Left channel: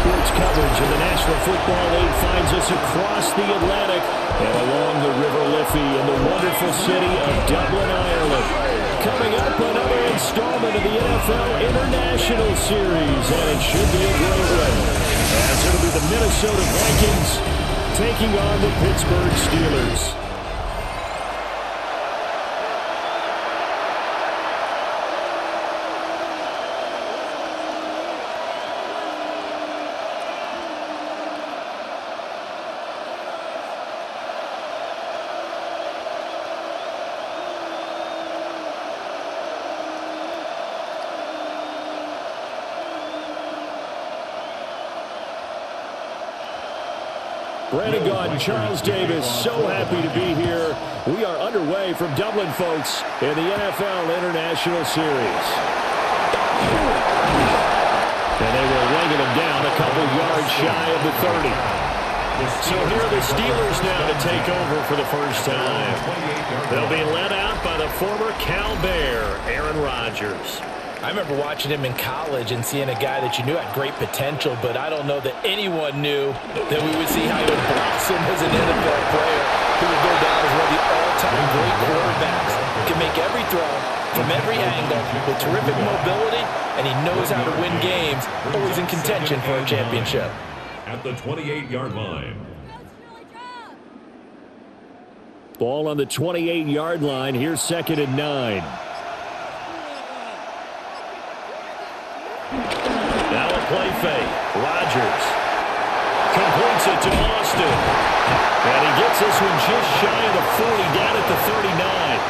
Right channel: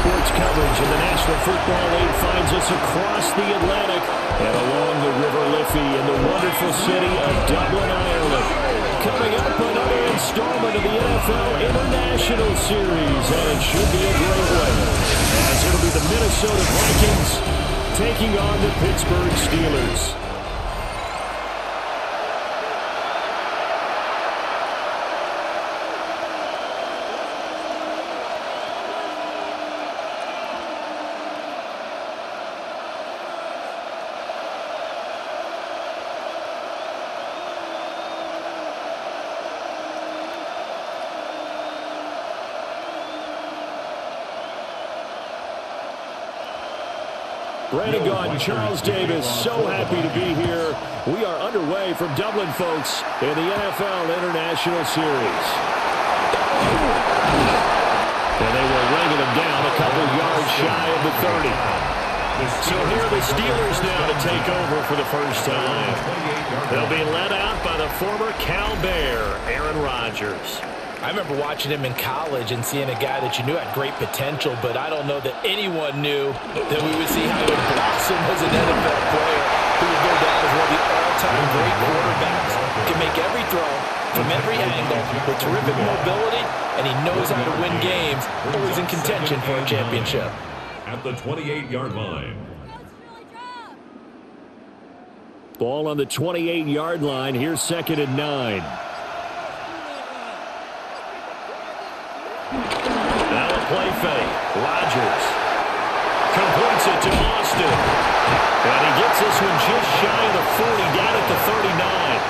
sports coverage of the National Football League finds us across the Atlantic and along the River Liffey in the wonderful city of Dublin, Ireland. Coming up, another installment of the NFL International Series, and it should be a great one, as it'll be the Minnesota Vikings taking on the Pittsburgh Steelers. Brandon Gaudin, Charles Davis, so happy to be here. We are underway from Dublin, folks, in the NFL International Series. And they will wrangle him down a couple yards shy of the 30. So here are the Steelers now to take over for the first time. They'll be led out by the former Cal Bear, Aaron Rodgers. I remember watching him in college and seeing a guy that you knew had great potential, but I don't know that anyone knew that we would see how he would blossom as an NFL player who will go down as one of the all-time great quarterbacks. Can make every throw from every angle with terrific mobility, and he knows how to win games, always in contention for a championship. At the 28-yard line. Ball on the 28-yard line. Here's 2nd and 9. Now a play fake. Rodgers completes it to Austin. And he gets this one just shy of the 40, down at the 39.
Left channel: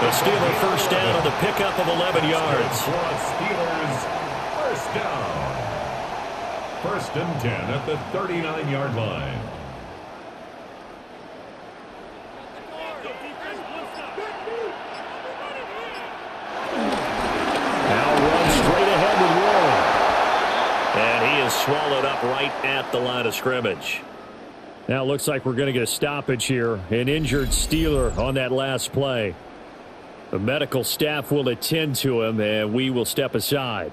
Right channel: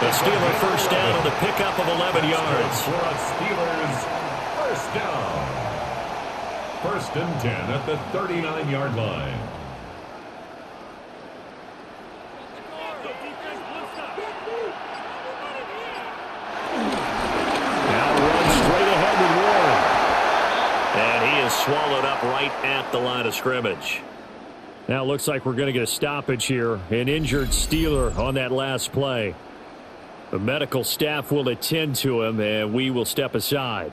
The Steeler first down on the pickup of 11 yards. For a Steelers first down. 1st and 10 at the 39-yard line. Now runs straight ahead with Warren. And he is swallowed up right at the line of scrimmage. Now it looks like we're going to get a stoppage here. An injured Steeler on that last play. The medical staff will attend to him, and we will step aside.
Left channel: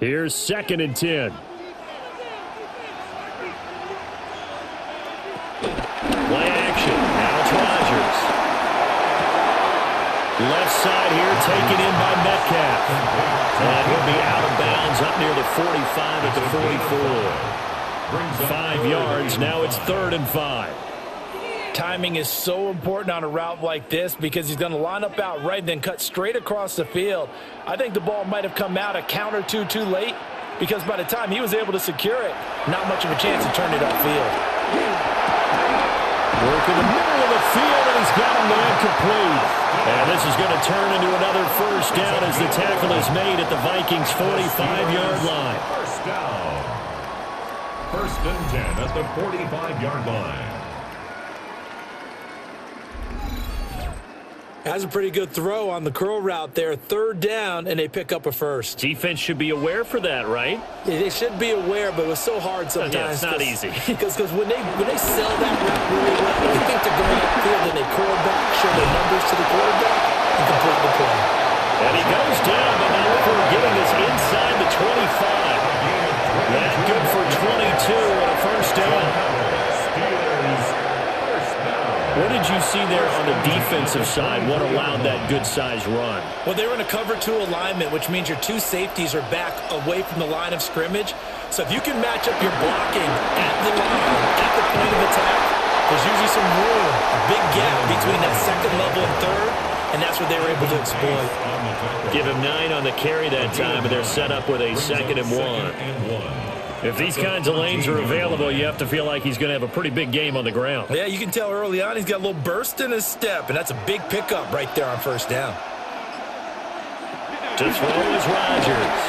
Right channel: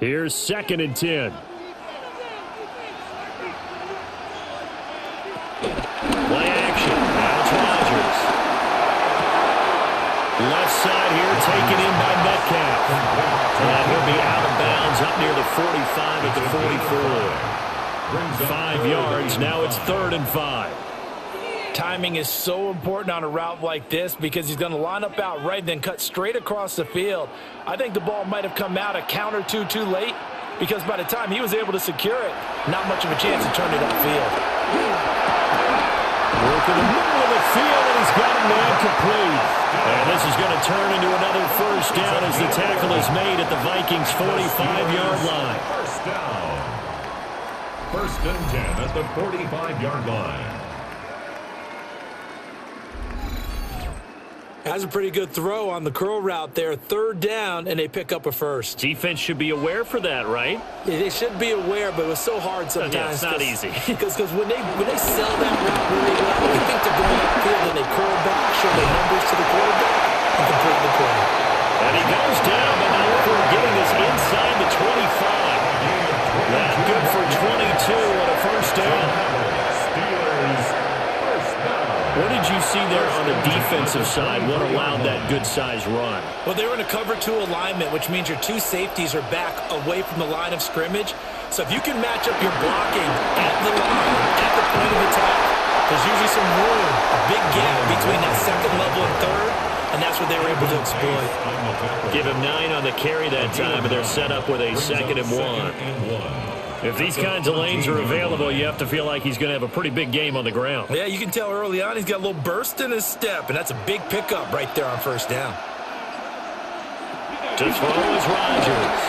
Here's 2nd and 10. Play action. Now it's Rodgers. Left side here taken in by Metcalf. And he'll be out of bounds up near the 45 at the 44. 5 yards. Now it's 3rd and 5. Timing is so important on a route like this because he's going to line up out right and then cut straight across the field. I think the ball might have come out a count or two too late because by the time he was able to secure it, not much of a chance to turn it upfield. Work in the middle of the field, and he's got a man complete. And this is going to turn into another first down as the tackle is made at the Vikings' 45-yard line. First down. 1st and 10 at the 45-yard line. Has a pretty good throw on the curl route there. 3rd down, and they pick up a first. Defense should be aware for that, right? They should be aware, but it was so hard sometimes. Yeah, it's not easy. Because when they sell that route really well, they think they're going upfield, and they curl back, show their numbers to the quarterback, and complete the play. And he goes down, but now for getting this inside the 25. That good for 22 and a first down. Steelers first down. What did you see there on the defensive side? What allowed that good-sized run? Well, they were in a cover 2 alignment, which means your 2 safeties are back away from the line of scrimmage. So if you can match up your blocking at the line, at the point of attack, there's usually some room, a big gap between that 2nd level and 3rd, and that's what they were able to exploit. Give him 9 on the carry that time, and they're set up with a 2nd and 1. If these kinds of lanes are available, you have to feel like he's going to have a pretty big game on the ground. Yeah, you can tell early on he's got a little burst in his step, and that's a big pickup right there on first down. To throw is Rodgers.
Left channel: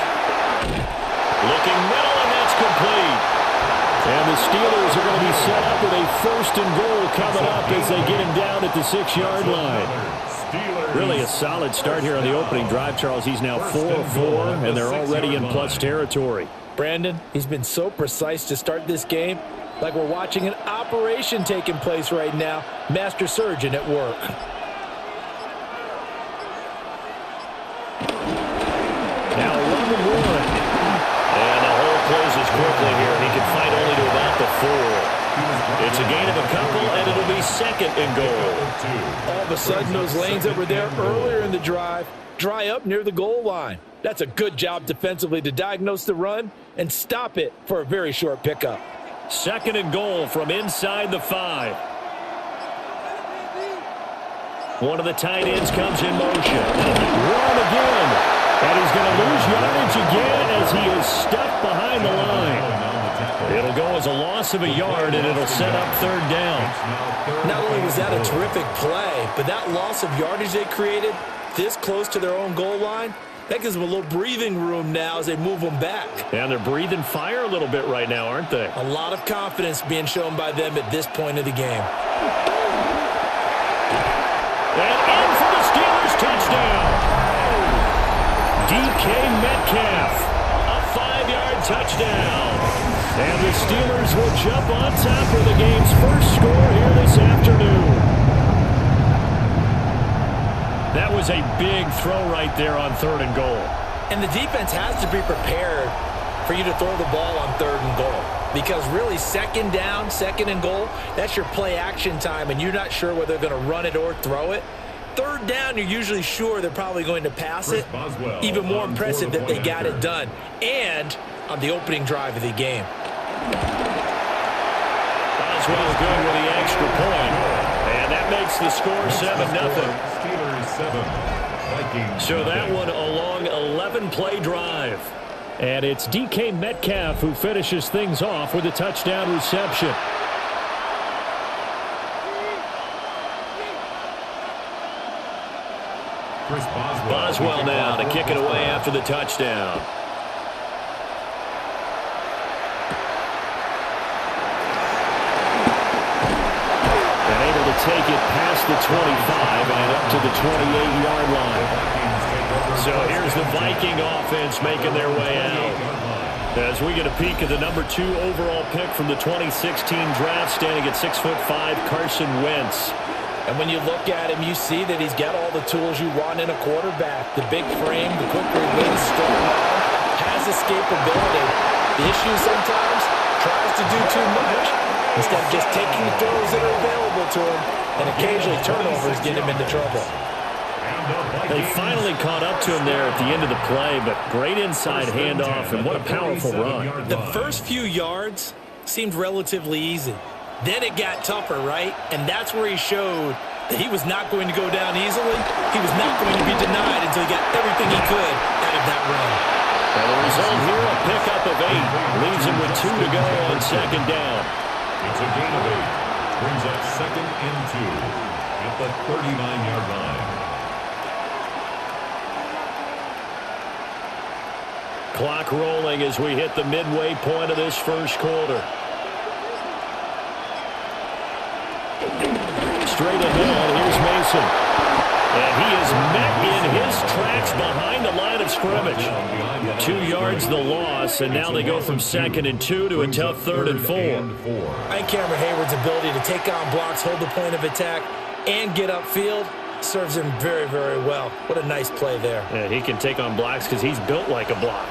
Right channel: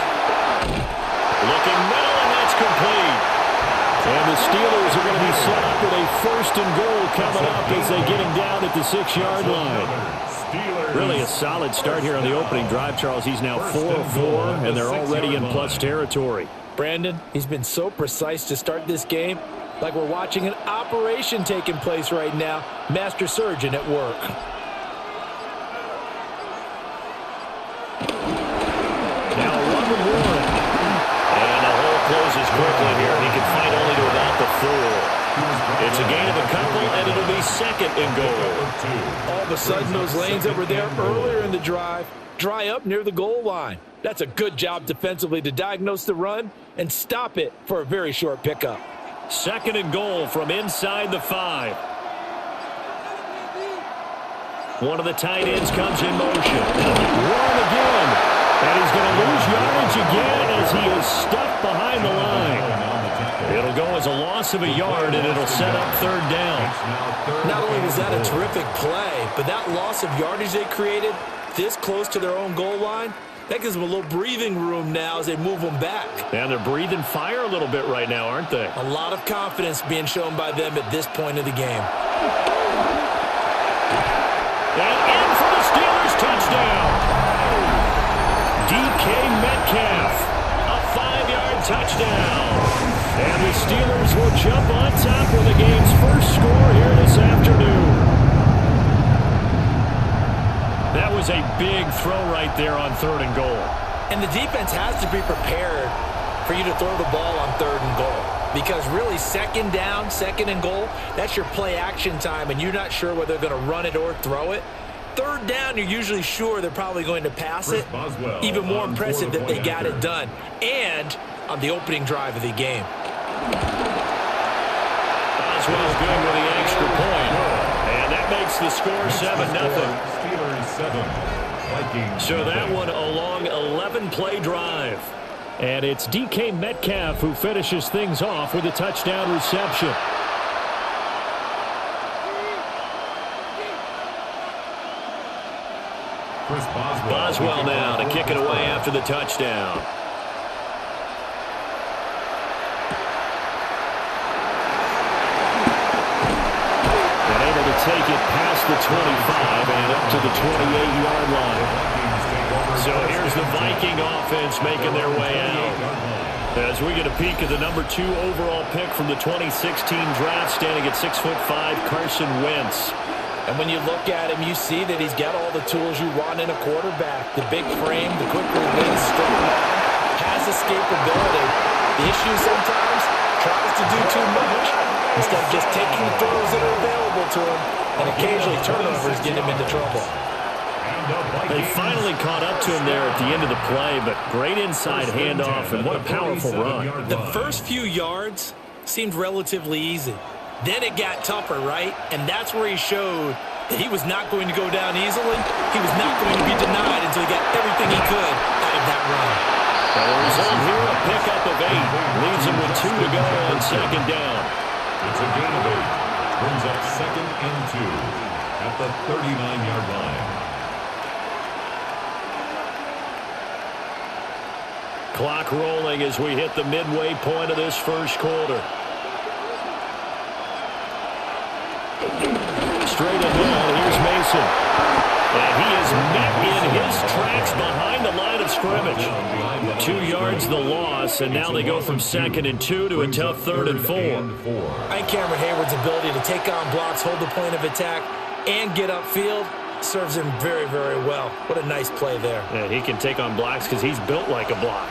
Looking middle, and that's complete. And the Steelers are going to be set up with a 1st and goal coming up as they get him down at the 6-yard line. Steelers Really a solid start here on the opening drive, Charles. He's now 4 of 4, and they're already in plus territory. Brandon, he's been so precise to start this game, like we're watching an operation taking place right now. Master surgeon at work. Now a run with Warren. And the hole closes quickly here. He can fight only to about the 4. It's a gain of a couple, and it'll be second and goal. All of a sudden, those lanes that were there earlier in the drive dry up near the goal line. That's a good job defensively to diagnose the run and stop it for a very short pickup. Second and goal from inside the 5. One of the tight ends comes in motion. Warren again. And he's going to lose yardage again as he is stuck behind the line. It'll go as a loss of a yard, and it'll set up third down. Not only was that a terrific play, but that loss of yardage they created this close to their own goal line, that gives them a little breathing room now as they move them back. And they're breathing fire a little bit right now, aren't they? A lot of confidence being shown by them at this point of the game. And in for the Steelers touchdown. DK Metcalf, a 5-yard touchdown. And the Steelers will jump on top with the game's first score here this afternoon. That was a big throw right there on third and goal. And the defense has to be prepared for you to throw the ball on third and goal. Because really, second down, second and goal, that's your play action time, and you're not sure whether they're going to run it or throw it. Third down, you're usually sure they're probably going to pass it. Even more impressive that they got it done. And on the opening drive of the game. Boswell good with the extra point. And that makes the score 7-0. Steelers 7, Vikings. So that one a long 11-play drive. And it's DK Metcalf who finishes things off with a touchdown reception. Boswell now to kick it away after the touchdown. And able to take it past the 25 and up to the 28-yard line. So here's the Viking offense making their way out. As we get a peek at the number 2 overall pick from the 2016 draft, standing at 6'5", Carson Wentz. And when you look at him, you see that he's got all the tools you want in a quarterback. The big frame, the quick release, strong arm, has escapability. The issue sometimes tries to do too much instead of just taking the throws that are available to him, and occasionally turnovers get him into trouble. They finally caught up to him there at the end of the play, but great inside handoff, and what a powerful run. The first few yards seemed relatively easy. Then it got tougher, right? And that's where he showed that he was not going to go down easily. He was not going to be denied until he got everything he could out of that run. And the result here, a pickup of 8. Leaves him with 2 to go on second down. It's a gain of 8. Brings up second and 2 at the 39-yard line. Clock rolling as we hit the midway point of this first quarter. Straight ahead, here's Mason. And he is met in his tracks behind the line of scrimmage. 2 yards the loss, and now they go from second and 2 to a tough third and 4. I think Cameron Hayward's ability to take on blocks, hold the point of attack, and get upfield serves him very, very well. What a nice play there. Yeah, he can take on blocks because he's built like a block.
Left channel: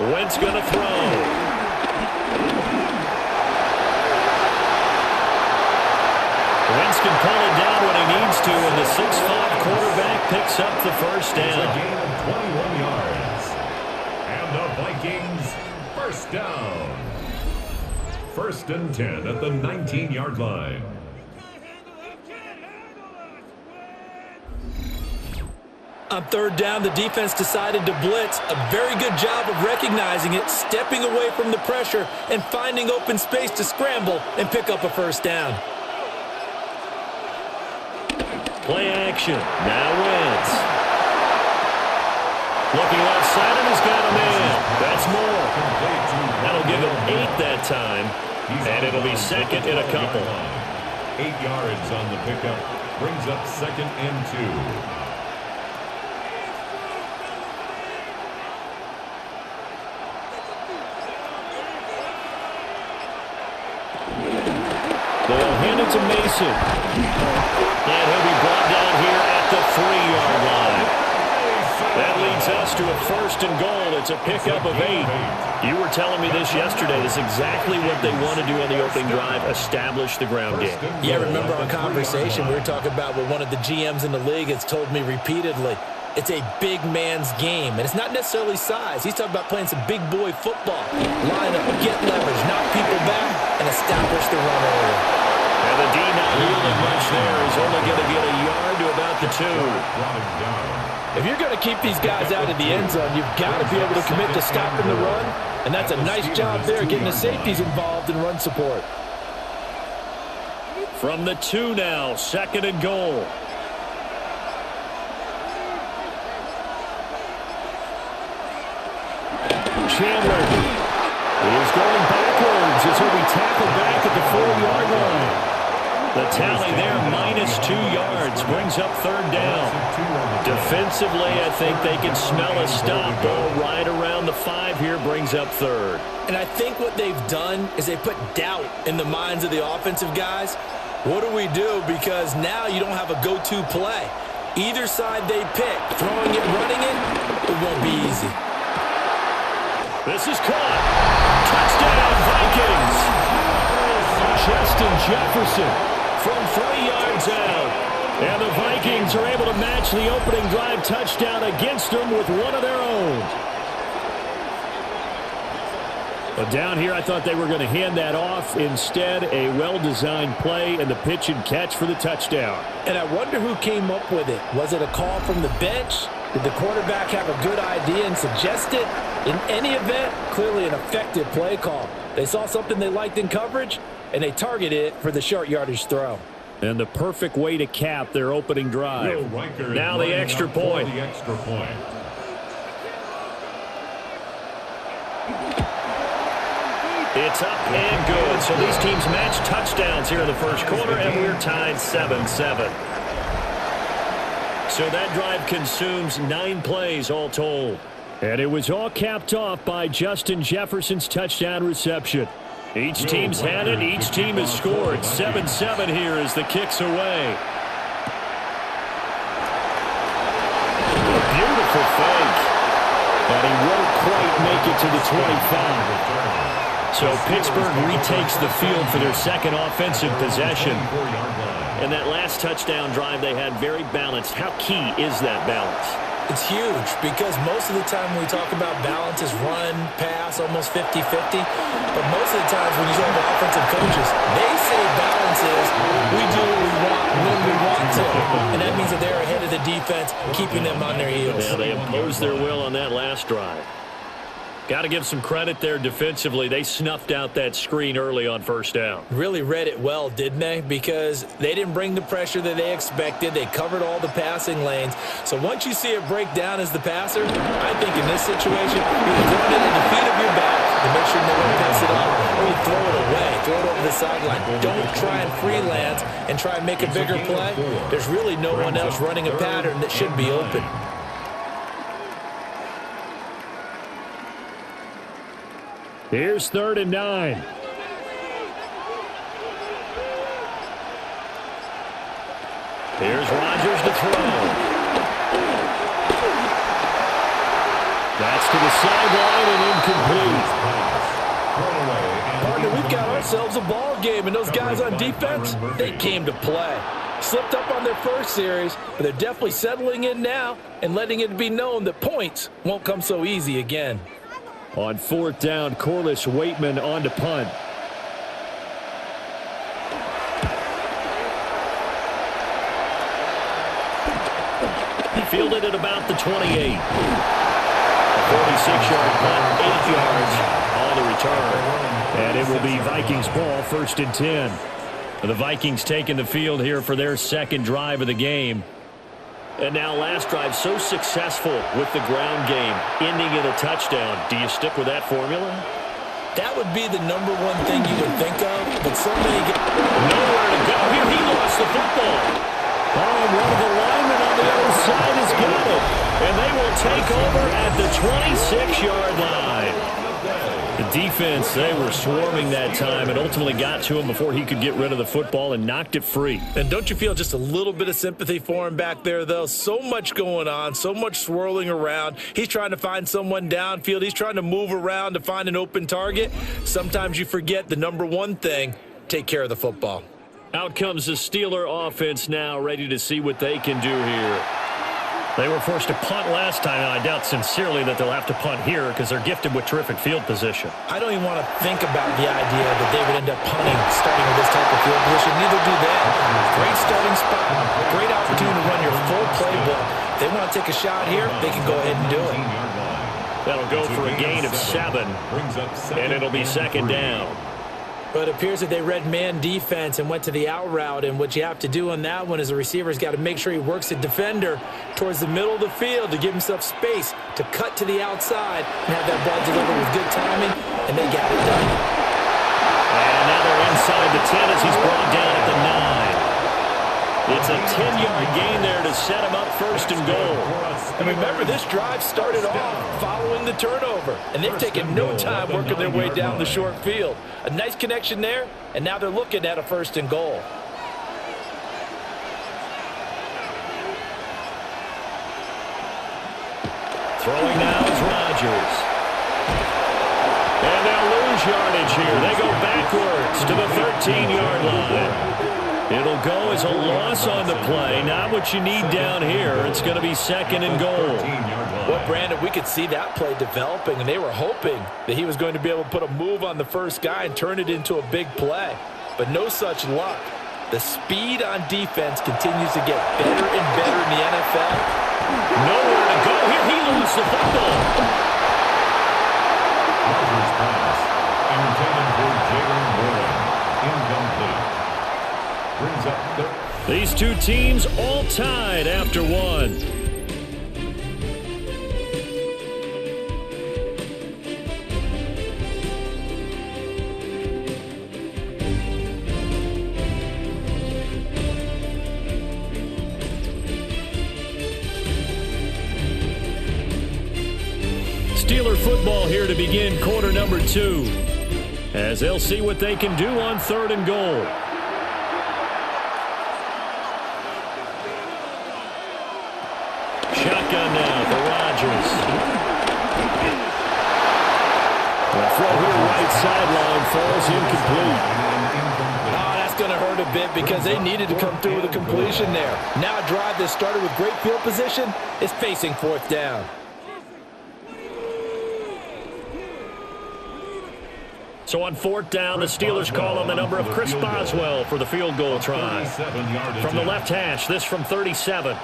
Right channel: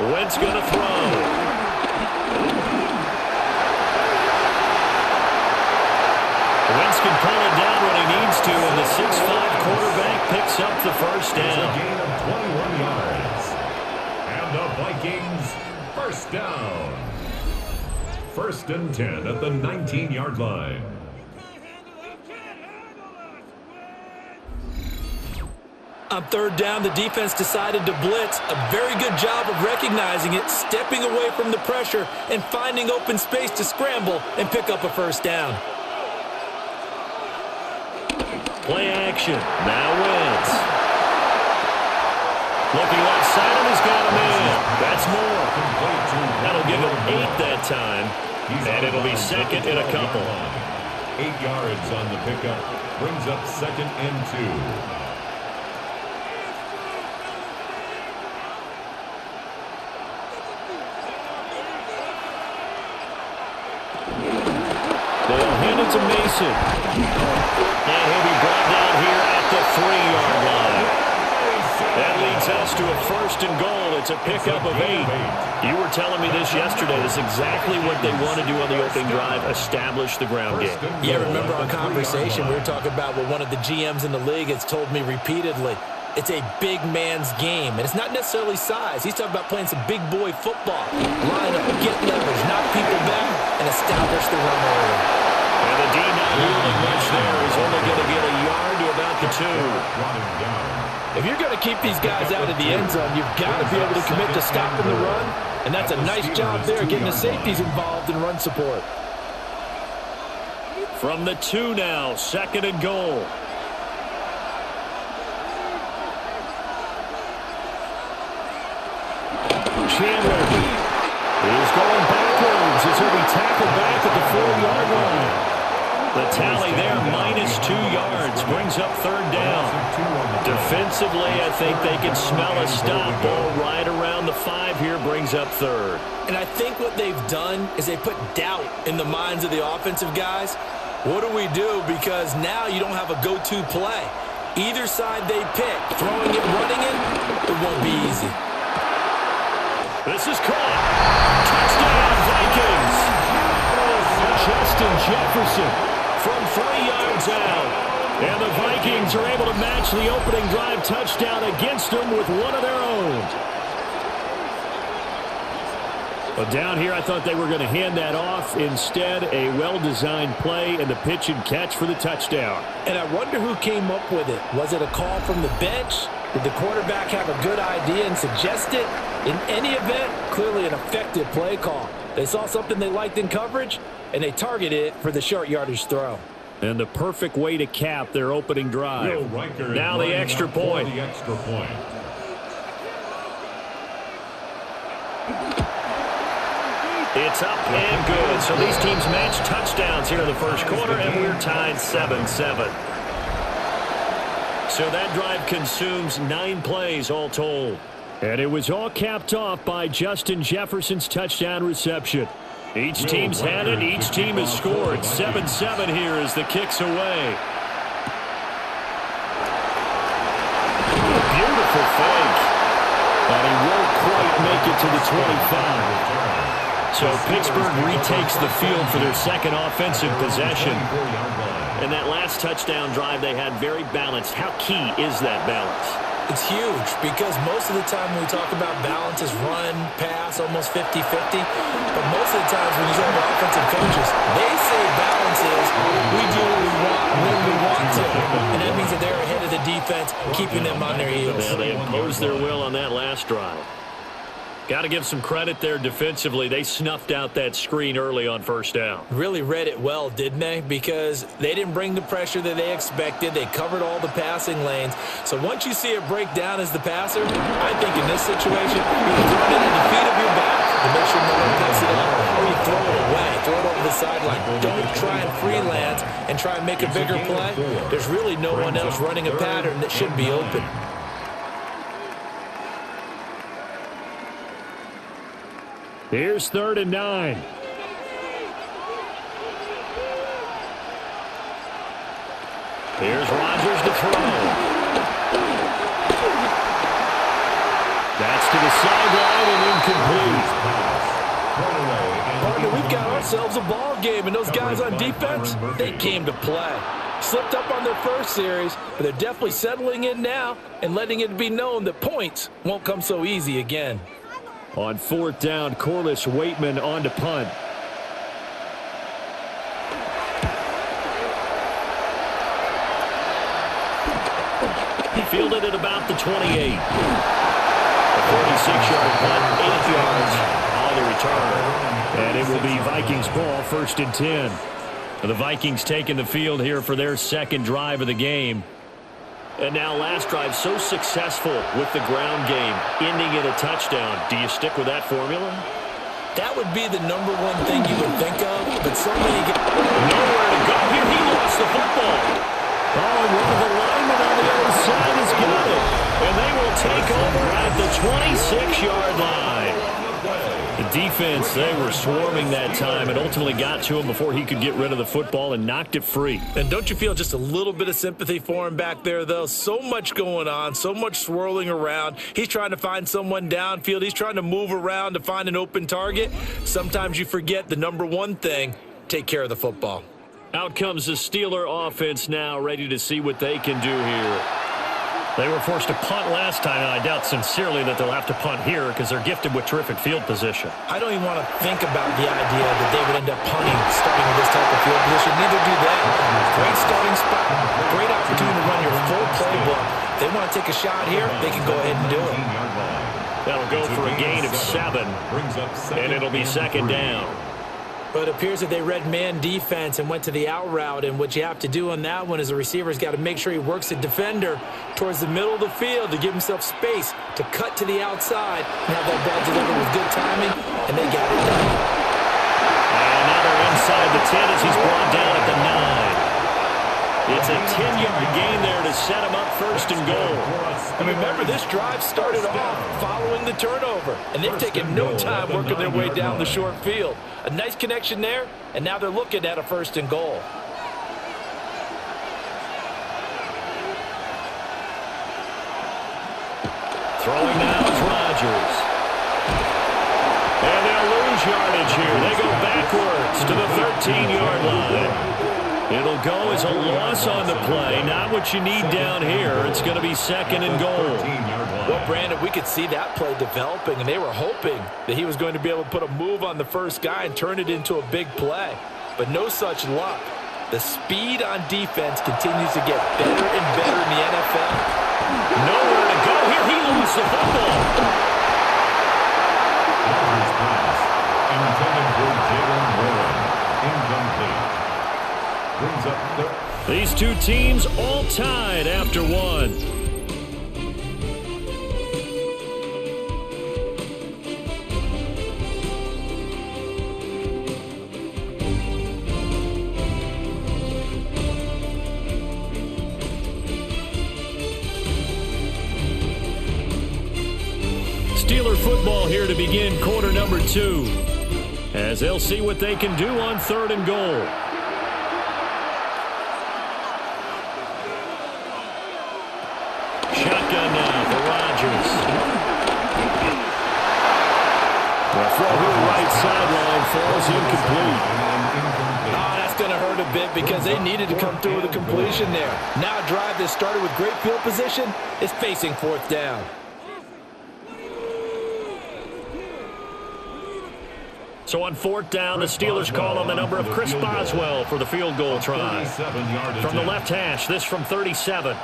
Wentz going to throw. Wentz can pull it down when he needs to, and the 6'5" quarterback picks up the first down. It's a gain of 21 yards. And the Vikings first down. First and 10 at the 19-yard line. On third down, the defense decided to blitz. A very good job of recognizing it, stepping away from the pressure, and finding open space to scramble and pick up a first down. Play action. Now Wentz. Looking left side, and he's got a man. That's more. That'll give him 8 that time, and it'll be second in a couple. 8 yards on the pickup. Brings up 2nd and 2. They'll hand it to Mason. And he'll be brought down here at the 3-yard line. That leads us to a 1st and goal. It's a pickup of 8. You were telling me this yesterday. This is exactly what they want to do on the opening drive, establish the ground game. Yeah, remember our conversation? We were talking about what one of the GMs in the league has told me repeatedly. It's a big man's game, and it's not necessarily size. He's talking about playing some big boy football. Line up, get leverage, knock people back, and establish the run early. And the D not yielding much there. He's only going to get a yard to about the 2. If you're going to keep these guys out of the end zone, you've got to be able to commit to stopping the run, and that's a nice job there, getting the safeties involved in run support. From the 2 now, 2nd and goal. Chandler is going backwards as he'll be tackled back at the 4-yard line. The tally there, -2 yards, brings up 3rd down. Defensively, I think they can smell a stop. Ball right around the 5 here, brings up 3rd. And I think what they've done is they put doubt in the minds of the offensive guys. What do we do? Because now you don't have a go-to play. Either side they pick, throwing it, running it, it won't be easy. This is caught. Touchdown, Vikings. Justin Jefferson from 3 yards out. And the Vikings are able to match the opening drive touchdown against them with one of their own. But down here, I thought they were going to hand that off. Instead, a well-designed play and the pitch and catch for the touchdown. And I wonder who came up with it. Was it a call from the bench? Did the quarterback have a good idea and suggest it? In any event, clearly an effective play call. They saw something they liked in coverage, and they targeted it for the short yardage throw. And the perfect way to cap their opening drive. Now the extra point. It's up and good. So these teams match touchdowns here in the first quarter, and we're tied 7-7. So that drive consumes 9 plays all told. And it was all capped off by Justin Jefferson's touchdown reception. Each team's had it. Each team has scored. 7-7 here as the kick's away. A beautiful fake. And he won't quite make it to the 25. So Pittsburgh retakes the field for their second offensive possession. And that last touchdown drive they had very balanced. How key is that balance? It's huge because most of the time when we talk about balance is run, pass, almost 50-50. But most of the times when you talk to offensive coaches, they say balance is we do what we want when we want to. And that means that they're ahead of the defense, keeping them on their heels. Yeah, they imposed their will on that last drive. Got to give some credit there defensively. They snuffed out that screen early on first down. Really read it well, didn't they? Because they didn't bring the pressure that they expected. They covered all the passing lanes. So once you see it break down as the passer, I think in this situation, you're throwing it at the feet of your back to make sure no one picks it up, or you throw it away. Throw it over the sideline. Don't try and freelance and try and make a bigger play. There's really no one else running a pattern that should be open. Here's 3rd and 9. Here's Rodgers to throw. That's to the sideline and incomplete. Partner, we've got ourselves a ball game, and those guys on defense, they came to play. Slipped up on their first series, but they're definitely settling in now and letting it be known that points won't come so easy again. On 4th down, Corliss Waitman on to punt. He fielded at about the 28. A 46-yard punt, 8 yards on the return. And it will be Vikings ball, 1st and 10. The Vikings taking the field here for their second drive of the game. And now last drive so successful with the ground game, ending in a touchdown. Do you stick with that formula? That would be the number one thing you would think of, but so many get nowhere to go here. He lost the football. Oh, and one of the linemen on the other side has got it. And they will take over at the 26-yard line. The defense, they were swarming that time and ultimately got to him before he could get rid of the football and knocked it free. And don't you feel just a little bit of sympathy for him back there, though? So much going on, so much swirling around. He's trying to find someone downfield. He's trying to move around to find an open target. Sometimes you forget the number one thing, take care of the football. Out comes the Steeler offense now, ready to see what they can do here. They were forced to punt last time, and I doubt sincerely that they'll have to punt here because they're gifted with terrific field position. I don't even want to think about the idea that they would end up punting starting with this type of field position. Neither do they. Great starting spot, great opportunity to run your full playbook. If they want to take a shot here, they can go ahead and do it. That'll go for a gain of 7, and it'll be second down. But it appears that they read man defense and went to the out route. And what you have to do on that one is the receiver's got to make sure he works the defender towards the middle of the field to give himself space to cut to the outside and have that ball delivered with good timing, and they got it done. And now they're inside the 10 as he's brought down at the 9. It's a 10-yard gain there to set him up first and goal. And remember, this drive started off following the turnover, and they've taken no time working their way down the short field. A nice connection there, and now they're looking at a first and goal. Throwing now is Rodgers. And they'll lose yardage here. They go backwards to the 13-yard line. It'll go as a loss on the play. Not what you need down here. It's going to be second and goal. Well, Brandon, we could see that play developing, and they were hoping that he was going to be able to put a move on the first guy and turn it into a big play. But no such luck. The speed on defense continues to get better and better in the NFL. Nowhere to go here. He lost the football. Rodgers pass intended for Jalen Warren. Incomplete. Brings up third. These two teams all tied after one. Steeler football here to begin quarter number 2, as they'll see what they can do on third and goal. Shotgun now for Rodgers. The throw here right sideline falls incomplete. Oh, that's going to hurt a bit because they needed to come through with a completion there. Now a drive that started with great field position is facing fourth down. So on fourth down, the Steelers call on the number of Chris Boswell for the field goal try. From the left hash, this from 37.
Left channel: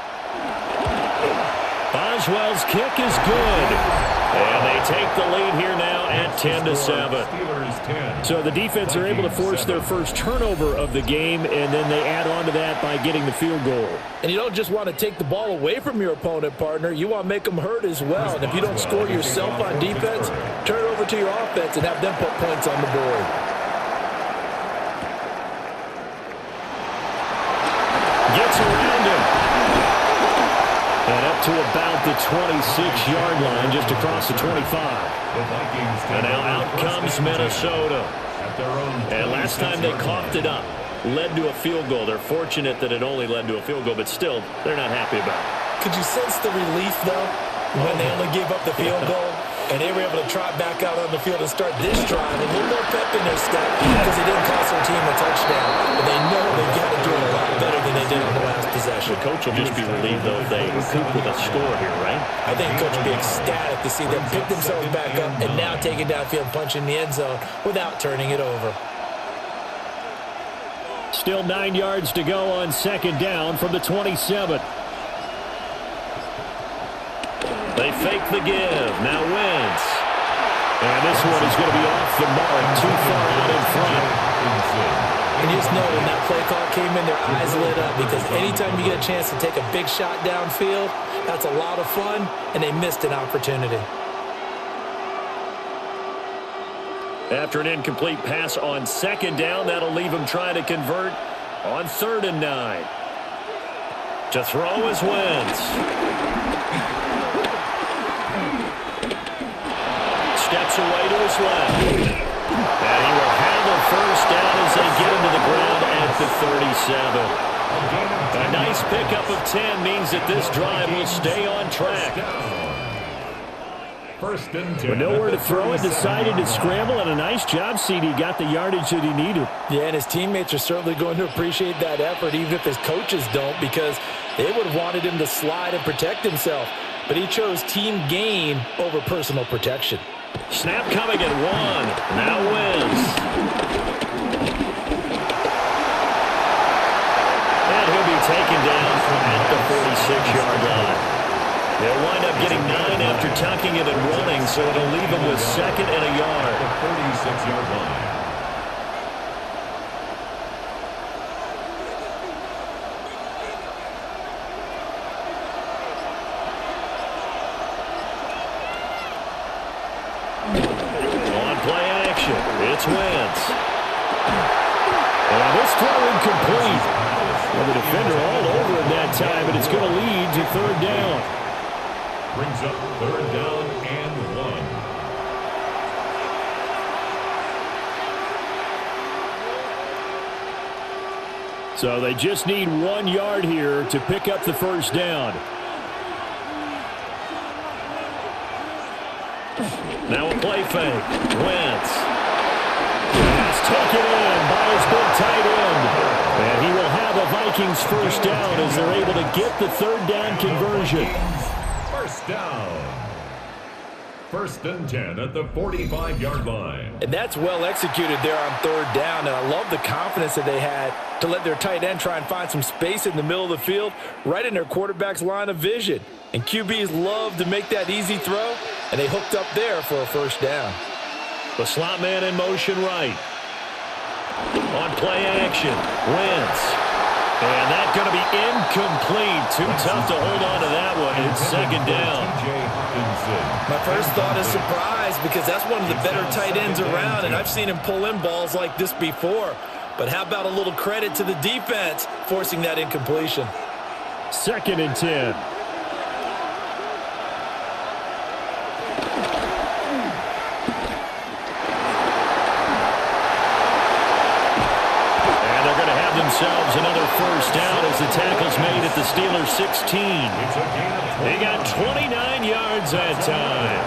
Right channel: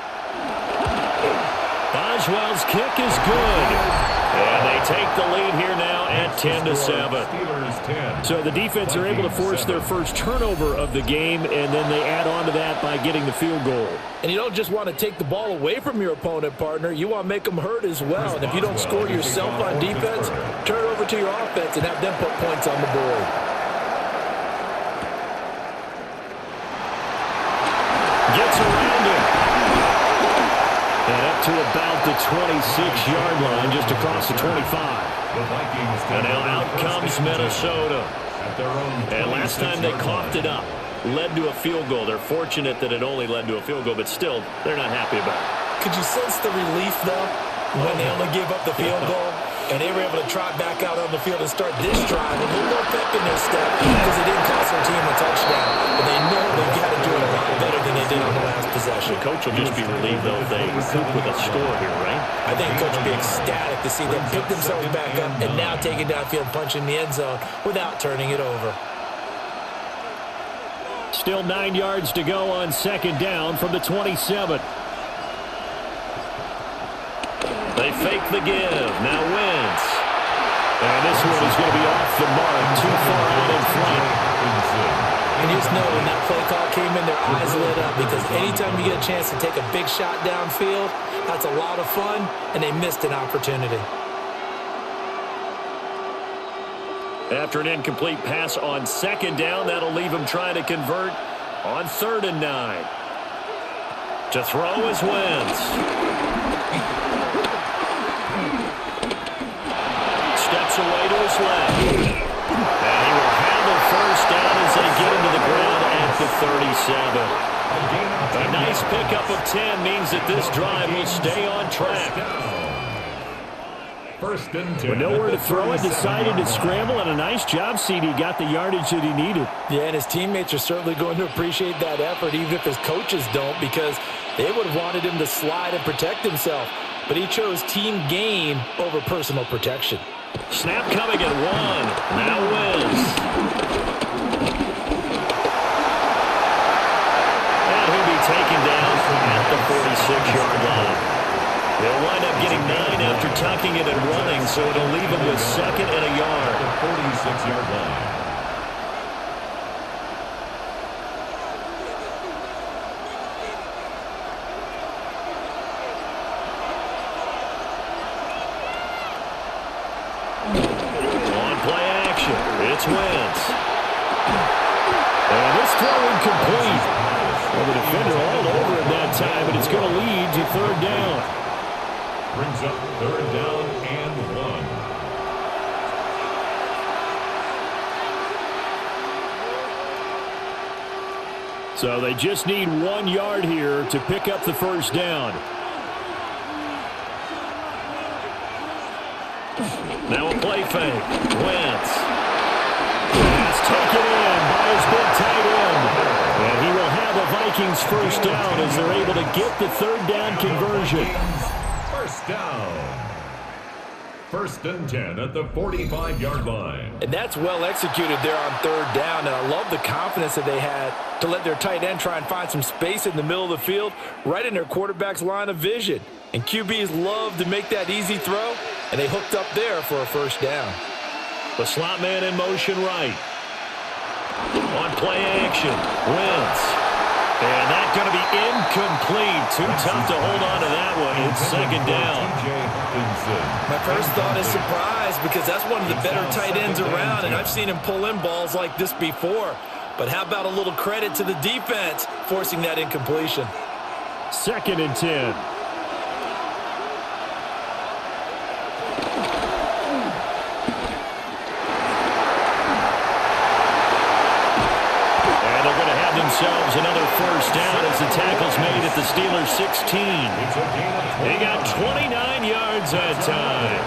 Boswell's kick is good. And they take the lead here now at 10-7. So the defense are able to force their first turnover of the game, and then they add on to that by getting the field goal. And you don't just want to take the ball away from your opponent, partner. You want to make them hurt as well. And if you don't score yourself on defense, turn it over to your offense and have them put points on the board. Gets around him. And up to about the 26-yard line, just across the 25. And now out comes Minnesota. And last time they coughed it up, led to a field goal. They're fortunate that it only led to a field goal, but still, they're not happy about it. Could you sense the relief, though, when they only gave up the field goal? And they were able to trot back out on the field and start this drive. A little more pep in their step because they didn't cost their team a touchdown. But they know they've got to do it a lot better than they did on the last possession. The coach will just be relieved, though, if they recoup with a score here, right? I think Coach will be ecstatic to see them pick themselves back up and now take it downfield, punch in the end zone without turning it over. Still 9 yards to go on second down from the 27. They fake the give. Now Wentz. And this one is going to be off the mark. Too far out in front. And you just know when that play call came in, their eyes lit up, because anytime you get a chance to take a big shot downfield, that's a lot of fun, and they missed an opportunity. After an incomplete pass on second down, that'll leave him trying to convert on 3rd and 9. To throw is Wentz. Steps away to his left. And he will have a first down as they get him to the ground at the 37. A nice pickup of 10 means that this drive will stay on track. First and 10. With nowhere to throw it, decided to scramble, and a nice job, CD. Got the yardage that he needed. Yeah, and his teammates are certainly going to appreciate that effort, even if his coaches don't, because they would have wanted him to slide and protect himself. But he chose team gain over personal protection. Snap coming at 1. Now Wentz. And he'll be taken down at the 46-yard line. He'll wind up getting 9 after tucking it and running, so it'll leave him with 2nd and a yard. The 46-yard line. On play action, it's Wentz. And it's throw incomplete. Well, the defender all over him that time, but it's going to lead to 3rd down. Brings up 3rd down and 1. So they just need 1 yard here to pick up the first down. Now a play fake. Wentz. Pass taken in by his big tight end. And he will have a Vikings first down as they're able to get the 3rd down conversion. First down. 1st and 10 at the 45-yard line. And that's well executed there on 3rd down, and I love the confidence that they had to let their tight end try and find some space in the middle of the field, right in their quarterback's line of vision. And QBs love to make that easy throw, and they hooked up there for a first down. The slot man in motion right. On play action, Wentz. And that's going to be incomplete. Too tough to hold on to that one. It's 2nd down. My first thought is surprise, because that's one of the better tight ends around, and I've seen him pull in balls like this before. But how about a little credit to the defense forcing that incompletion? 2nd and 10. They're going to have themselves another first down as the tackle's made at the Steelers' 16. They got 29 yards that time.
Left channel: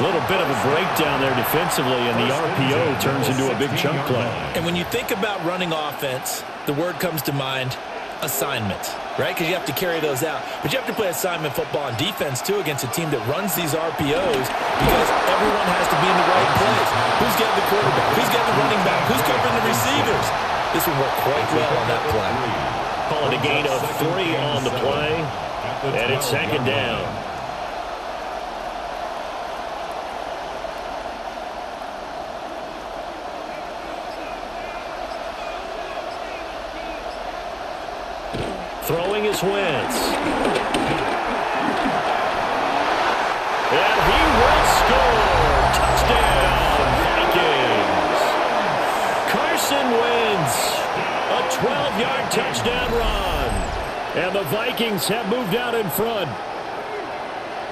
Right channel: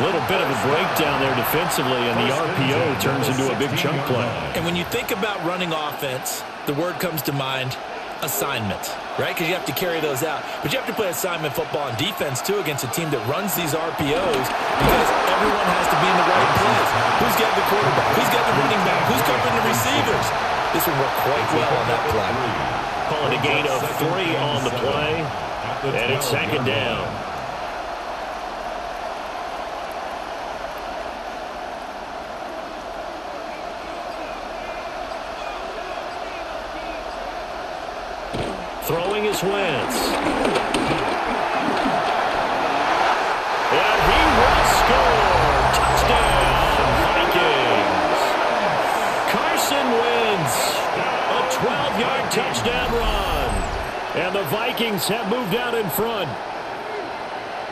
A little bit of a breakdown there defensively, and the RPO turns into a big chunk play. And when you think about running offense, the word comes to mind, assignment, right? Because you have to carry those out. But you have to play assignment football on defense, too, against a team that runs these RPOs, because everyone has to be in the right place. Who's got the quarterback? Who's got the running back? Who's covering the receivers? This will work quite well on that play. Call it a gain of 3 on the play, and it's 2nd down. Throwing is Wentz. And he will score. Touchdown, Vikings. Carson Wentz, a 12-yard touchdown run. And the Vikings have moved out in front.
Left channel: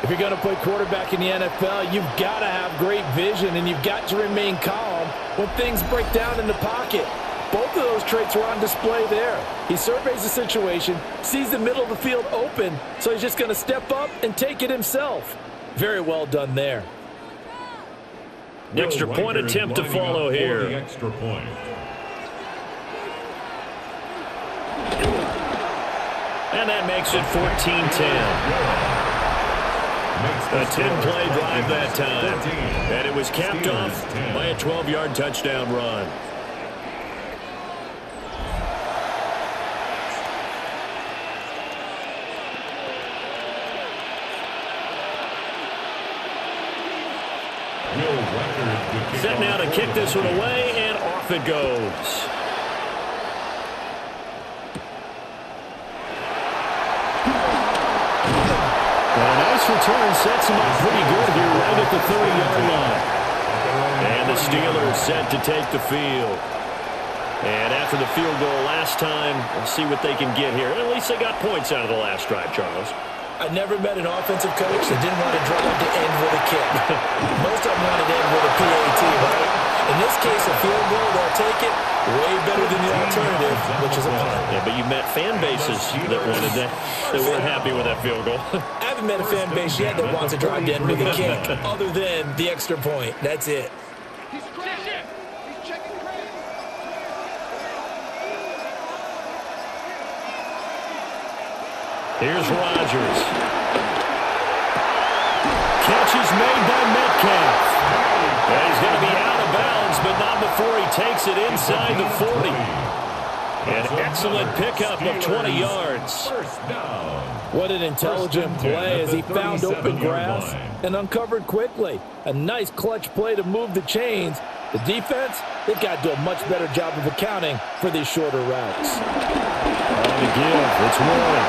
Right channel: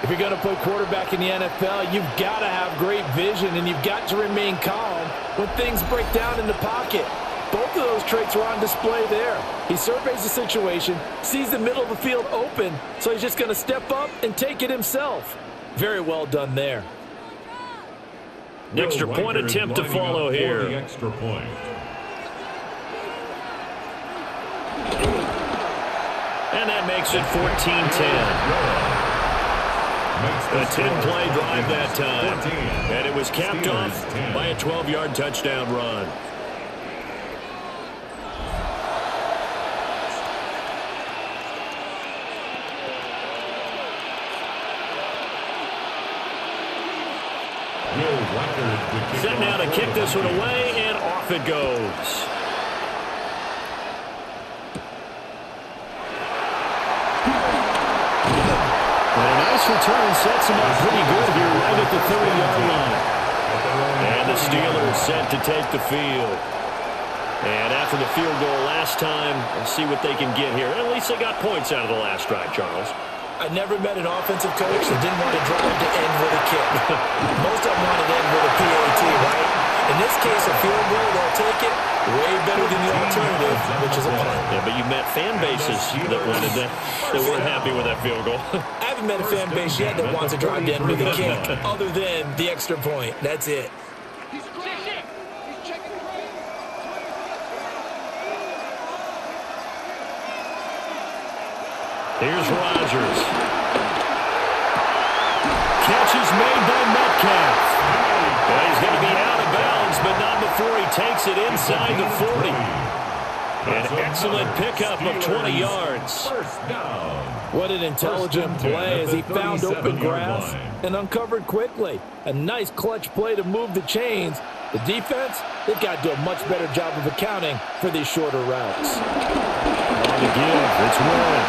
If you're going to play quarterback in the NFL, you've got to have great vision, and you've got to remain calm when things break down in the pocket. Both of those traits are on display there. He surveys the situation, sees the middle of the field open, so he's just going to step up and take it himself. Very well done there. Extra point attempt to follow here. The extra point. And that makes it 14-10. A 10-play drive that time. And it was capped off by a 12-yard touchdown run. Will Reichard to kick Set now off to for kick the this one Vikings. away, and off it goes. return sets them up pretty good here right at the 30-yard line. And the Steelers set to take the field. And after the field goal last time, we'll see what they can get here. At least they got points out of the last drive, Charles. I never met an offensive coach that didn't want to drive to end with a kick. Most of them wanted to end with a PAT, right? In this case, a field goal, they'll take it. Way better than the alternative, which is a punt. Yeah, but you met fan bases that wanted that weren't happy with that field goal. I haven't met a fan base yet that wants to drive to end with a kick, other than the extra point. That's it. Here's Rodgers. Catch is made by Metcalf. Yeah, he's going to be out of bounds, but not before he takes it inside the 40. An excellent pickup of 20 yards. What an intelligent play as he found open grass and uncovered quickly. A nice clutch play to move the chains. The defense, they've got to do a much better job of accounting for these shorter routes. On the give, it's Warren.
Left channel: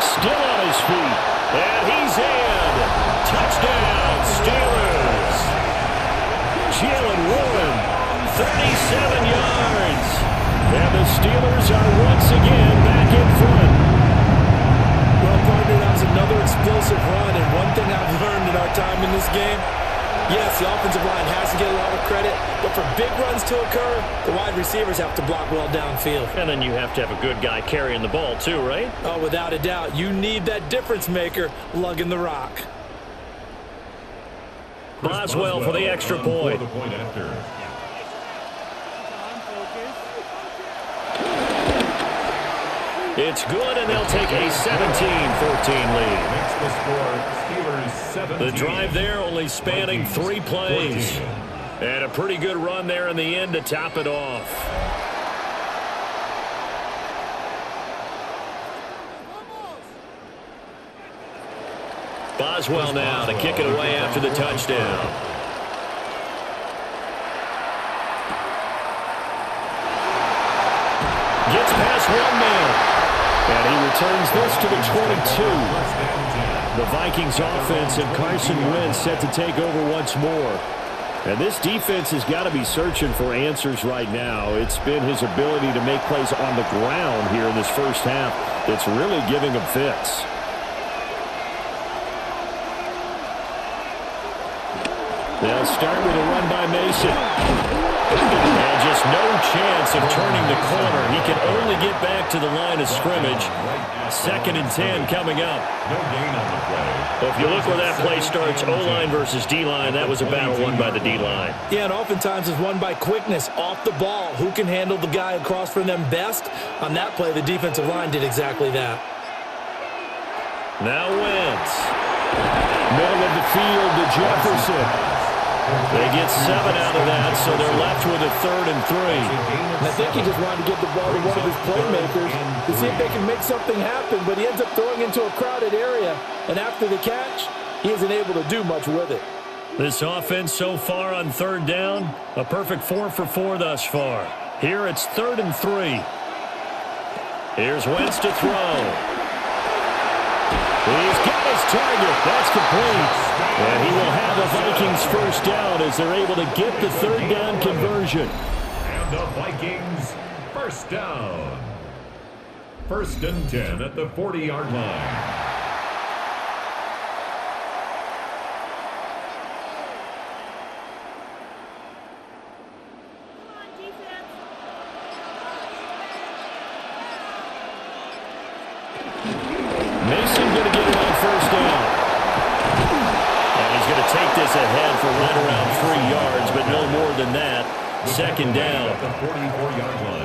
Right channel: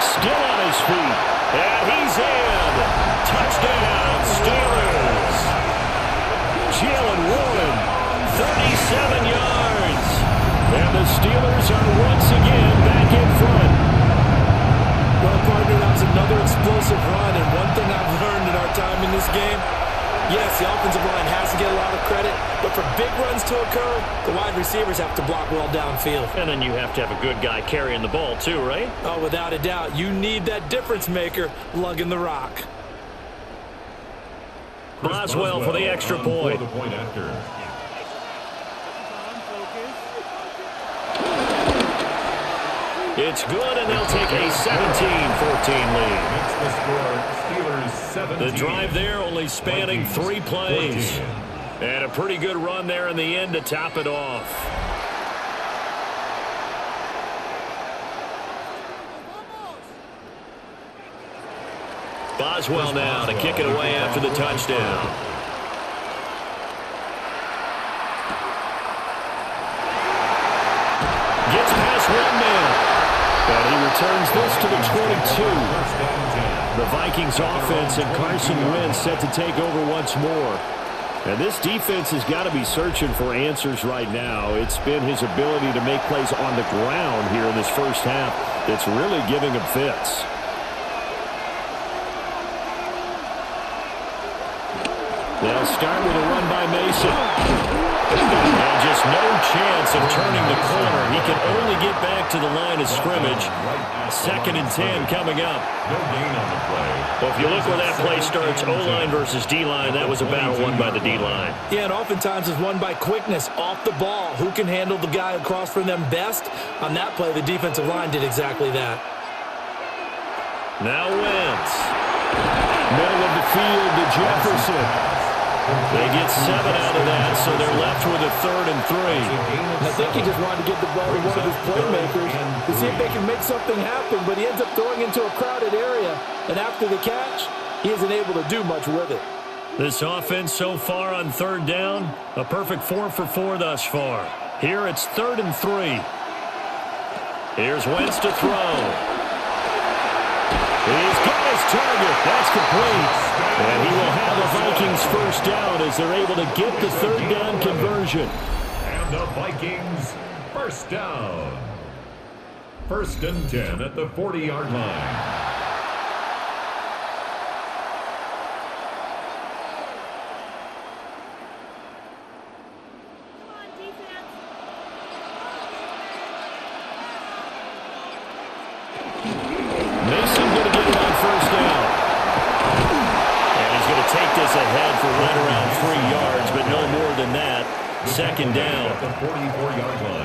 Still on his feet, and he's in. Touchdown, Steelers. Jalen Warren, 37 yards. And the Steelers are once again back in front. Well, partner, that was another explosive run, and one thing I've learned in our time in this game, yes, the offensive line has to get a lot of credit, but for big runs to occur, the wide receivers have to block well downfield. And then you have to have a good guy carrying the ball too, right? Oh, without a doubt. You need that difference maker lugging the rock. Boswell for the extra point. For the point after. It's good, and they'll take a 17-14 lead. Makes the score Steelers 17. The drive there only spanning 3 plays. 14. And a pretty good run there in the end to top it off. Boswell now to kick it away after the touchdown. Gets past one man. And he returns this to the 22. The Vikings offense and Carson Wentz set to take over once more. And this defense has got to be searching for answers right now. It's been his ability to make plays on the ground here in this first half that's really giving him fits. They'll start with a run by Mason. And just no chance of turning the corner. He can only get back to the line of scrimmage. 2nd and 10 coming up. No gain on the play. Well, if you look where that play starts, O-line versus D-line, that was a battle won by the D-line. Yeah, and oftentimes it's won by quickness off the ball. Who can handle the guy across from them best? On that play, the defensive line did exactly that. Now Wentz. Middle of the field to Jefferson. They get 7 out of that, so they're left with a 3rd and 3. And I think he just wanted to get the ball to one of his playmakers to see if they can make something happen, but he ends up throwing into a crowded area, and after the catch, he isn't able to do much with it. This offense so far on 3rd down, a perfect 4 for 4 thus far. Here it's 3rd and 3. Here's Wentz to throw. He's got his target. That's complete. And he will have a Vikings first down as they're able to get the 3rd down conversion. And the Vikings first down. 1st and 10 at the 40-yard line. Mason going to get it on 1st down. And he's going to take this ahead for right around 3 yards, but no more than that. 2nd down.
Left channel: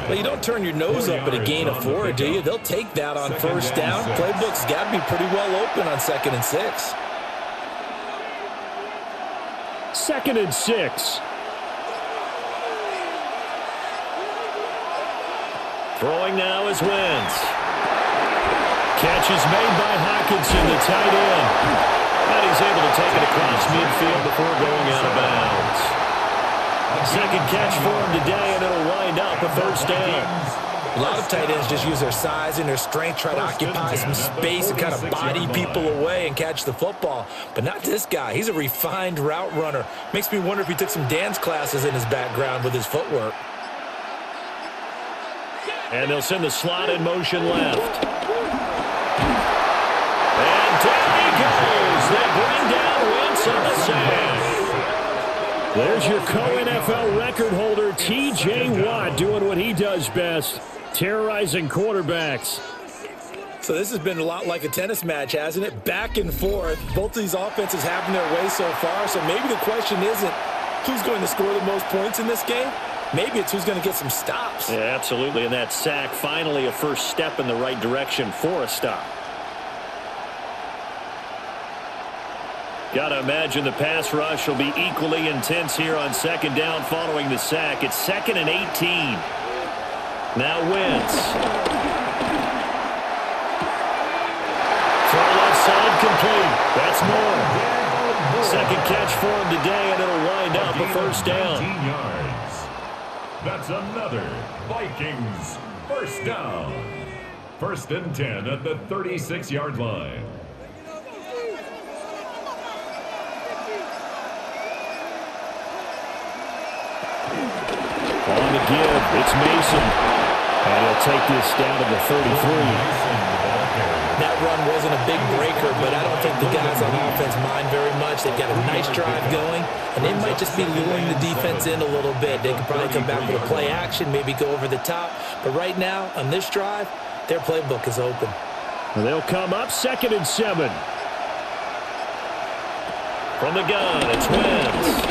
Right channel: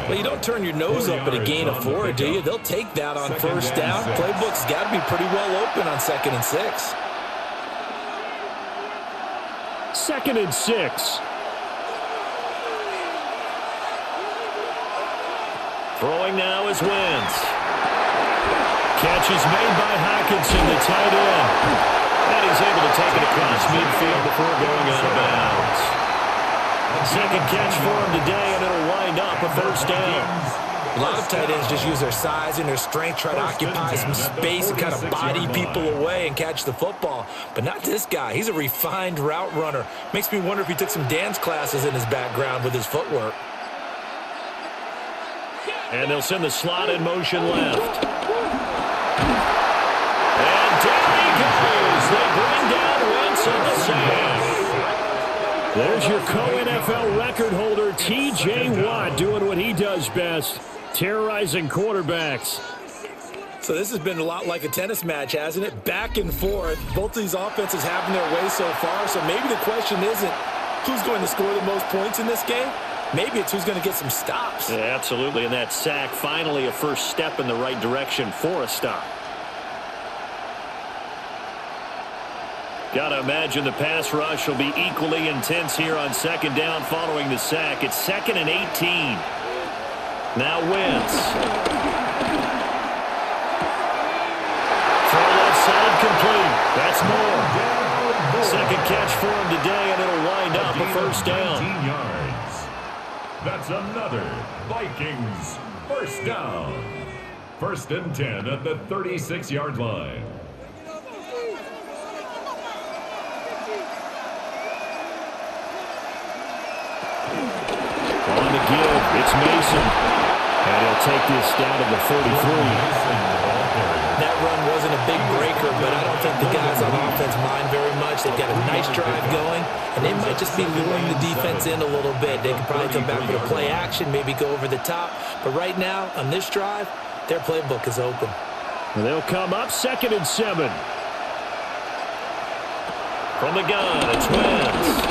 Well, you don't turn your nose up at a gain of 4, do you? They'll take that on 1st down. Playbook's got to be pretty well open on 2nd and 6. 2nd and 6. Throwing now is Wentz. Catch is made by Hockenson, the tight end. And he's able to take it across midfield before going out of bounds. 2nd catch for him today, and it'll wind up a 1st down. A lot of tight ends just use their size and their strength, try to occupy some space and kind of body people away and catch the football. But not this guy. He's a refined route runner. Makes me wonder if he took some dance classes in his background with his footwork. And they'll send the slot in motion left. And down he goes. They bring down Wentz on the sack. There's your co-NFL record holder, T.J. Watt, doing what he does best, terrorizing quarterbacks. So this has been a lot like a tennis match, hasn't it? Back and forth. Both of these offenses having their way so far. So maybe the question isn't who's going to score the most points in this game. Maybe it's who's going to get some stops. Yeah, absolutely. And that sack, finally a first step in the right direction for a stop. Got to imagine the pass rush will be equally intense here on second down following the sack. It's 2nd and 18. Now Wentz. Throw left side complete. That's more. Second catch for him today, and it'll wind up a first down. 19 yards. That's another Vikings first down. 1st and 10 at the 36-yard line. On the give, it's Mason. And he'll take this down to the 33. That run wasn't a big breaker, but I don't think the guys on offense mind very much. They've got a nice drive going, and they might just be luring the defense in a little bit. They could probably come back with a play action, maybe go over the top. But right now, on this drive, their playbook is open. They'll come up 2nd and 7. From the gun, it's Wentz.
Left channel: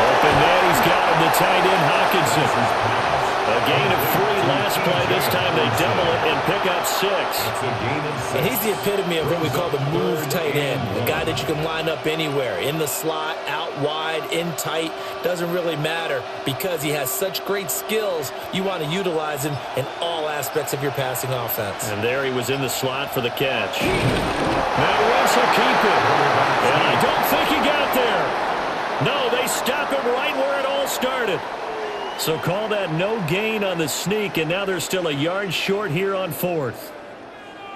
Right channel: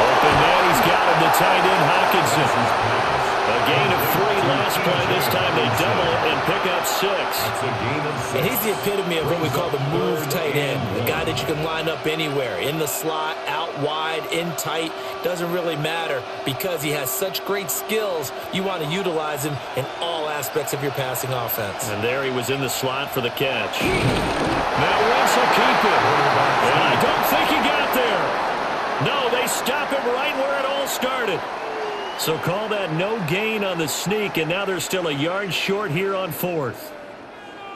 Open man, he's got him, the tight end, Hockenson. A gain of 3 last play. This time they double it and pick up 6. And he's the epitome of what we call the move tight end. The guy that you can line up anywhere. In the slot, out wide, in tight. Doesn't really matter because he has such great skills. You want to utilize him in all aspects of your passing offense. And there he was in the slot for the catch. Now Wentz will keep it. And I don't think he got there. No, they stop him right where it all started. So call that no gain on the sneak, and now they're still a yard short here on 4th.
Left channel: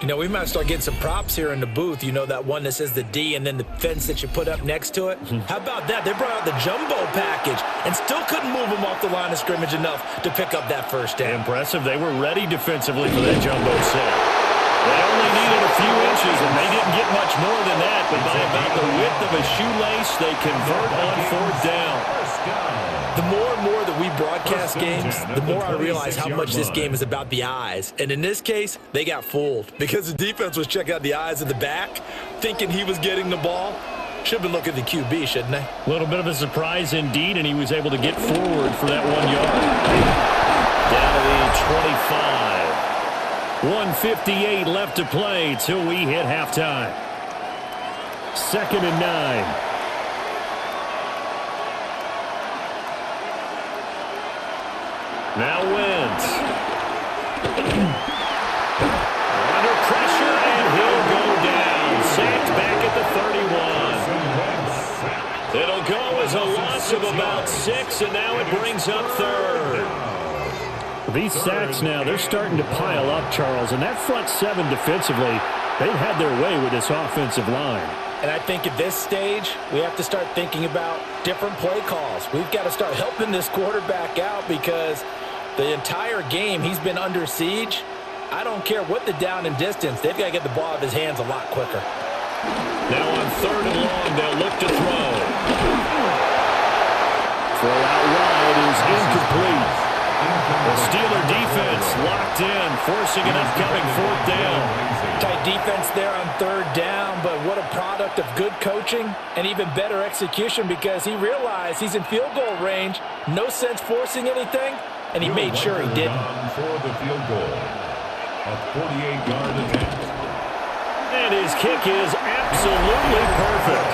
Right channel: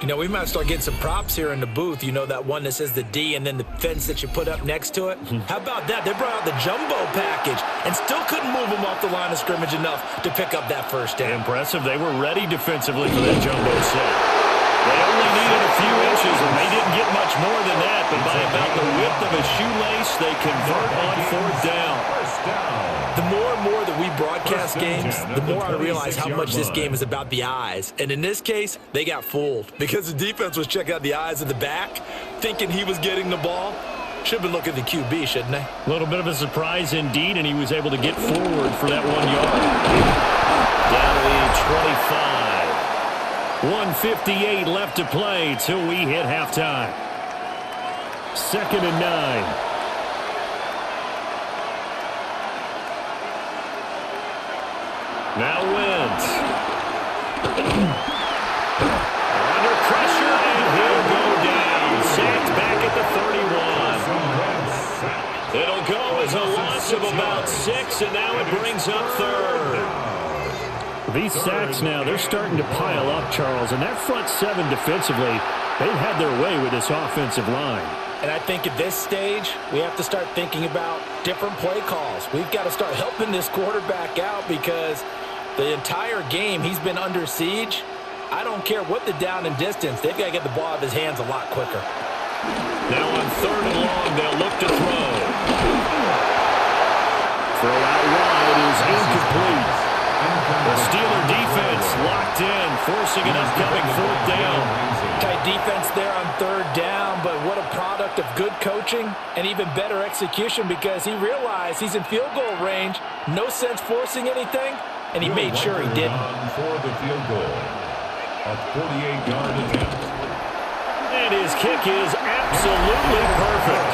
You know, we might start getting some props here in the booth. You know, that one that says the D and then the fence that you put up next to it? How about that? They brought out the jumbo package and still couldn't move them off the line of scrimmage enough to pick up that first down. Impressive. They were ready defensively for that jumbo set. They only needed a few inches, and they didn't get much more than that. But by about the width of a shoelace, they convert on 4th down. The more and more that we broadcast games, the more I realize how much this game is about the eyes. And in this case, they got fooled because the defense was checking out the eyes of the back, thinking he was getting the ball. Should have been looking at the QB, shouldn't they? A little bit of a surprise indeed, and he was able to get forward for that 1 yard. Down to the 25. 1:58 left to play till we hit halftime. 2nd and 9. Now Wentz. Under pressure, and he'll go down. Sacked back at the 31. It'll go as a loss of about 6, and now it brings up 3rd. These sacks now, they're starting to pile up, Charles, and that front 7 defensively, they've had their way with this offensive line. And I think at this stage, we have to start thinking about different play calls. We've got to start helping this quarterback out because the entire game he's been under siege. I don't care what the down and distance, they've got to get the ball out of his hands a lot quicker. Now on 3rd and long, they'll look to throw. Throw out wide is incomplete. The Steeler defense locked in, forcing an upcoming 4th down. Tight defense there on 3rd down, but what a product of good coaching and even better execution because he realized he's in field goal range, no sense forcing anything, and he made sure he didn't. For the field goal, a 48-yard attempt. And his kick is absolutely perfect.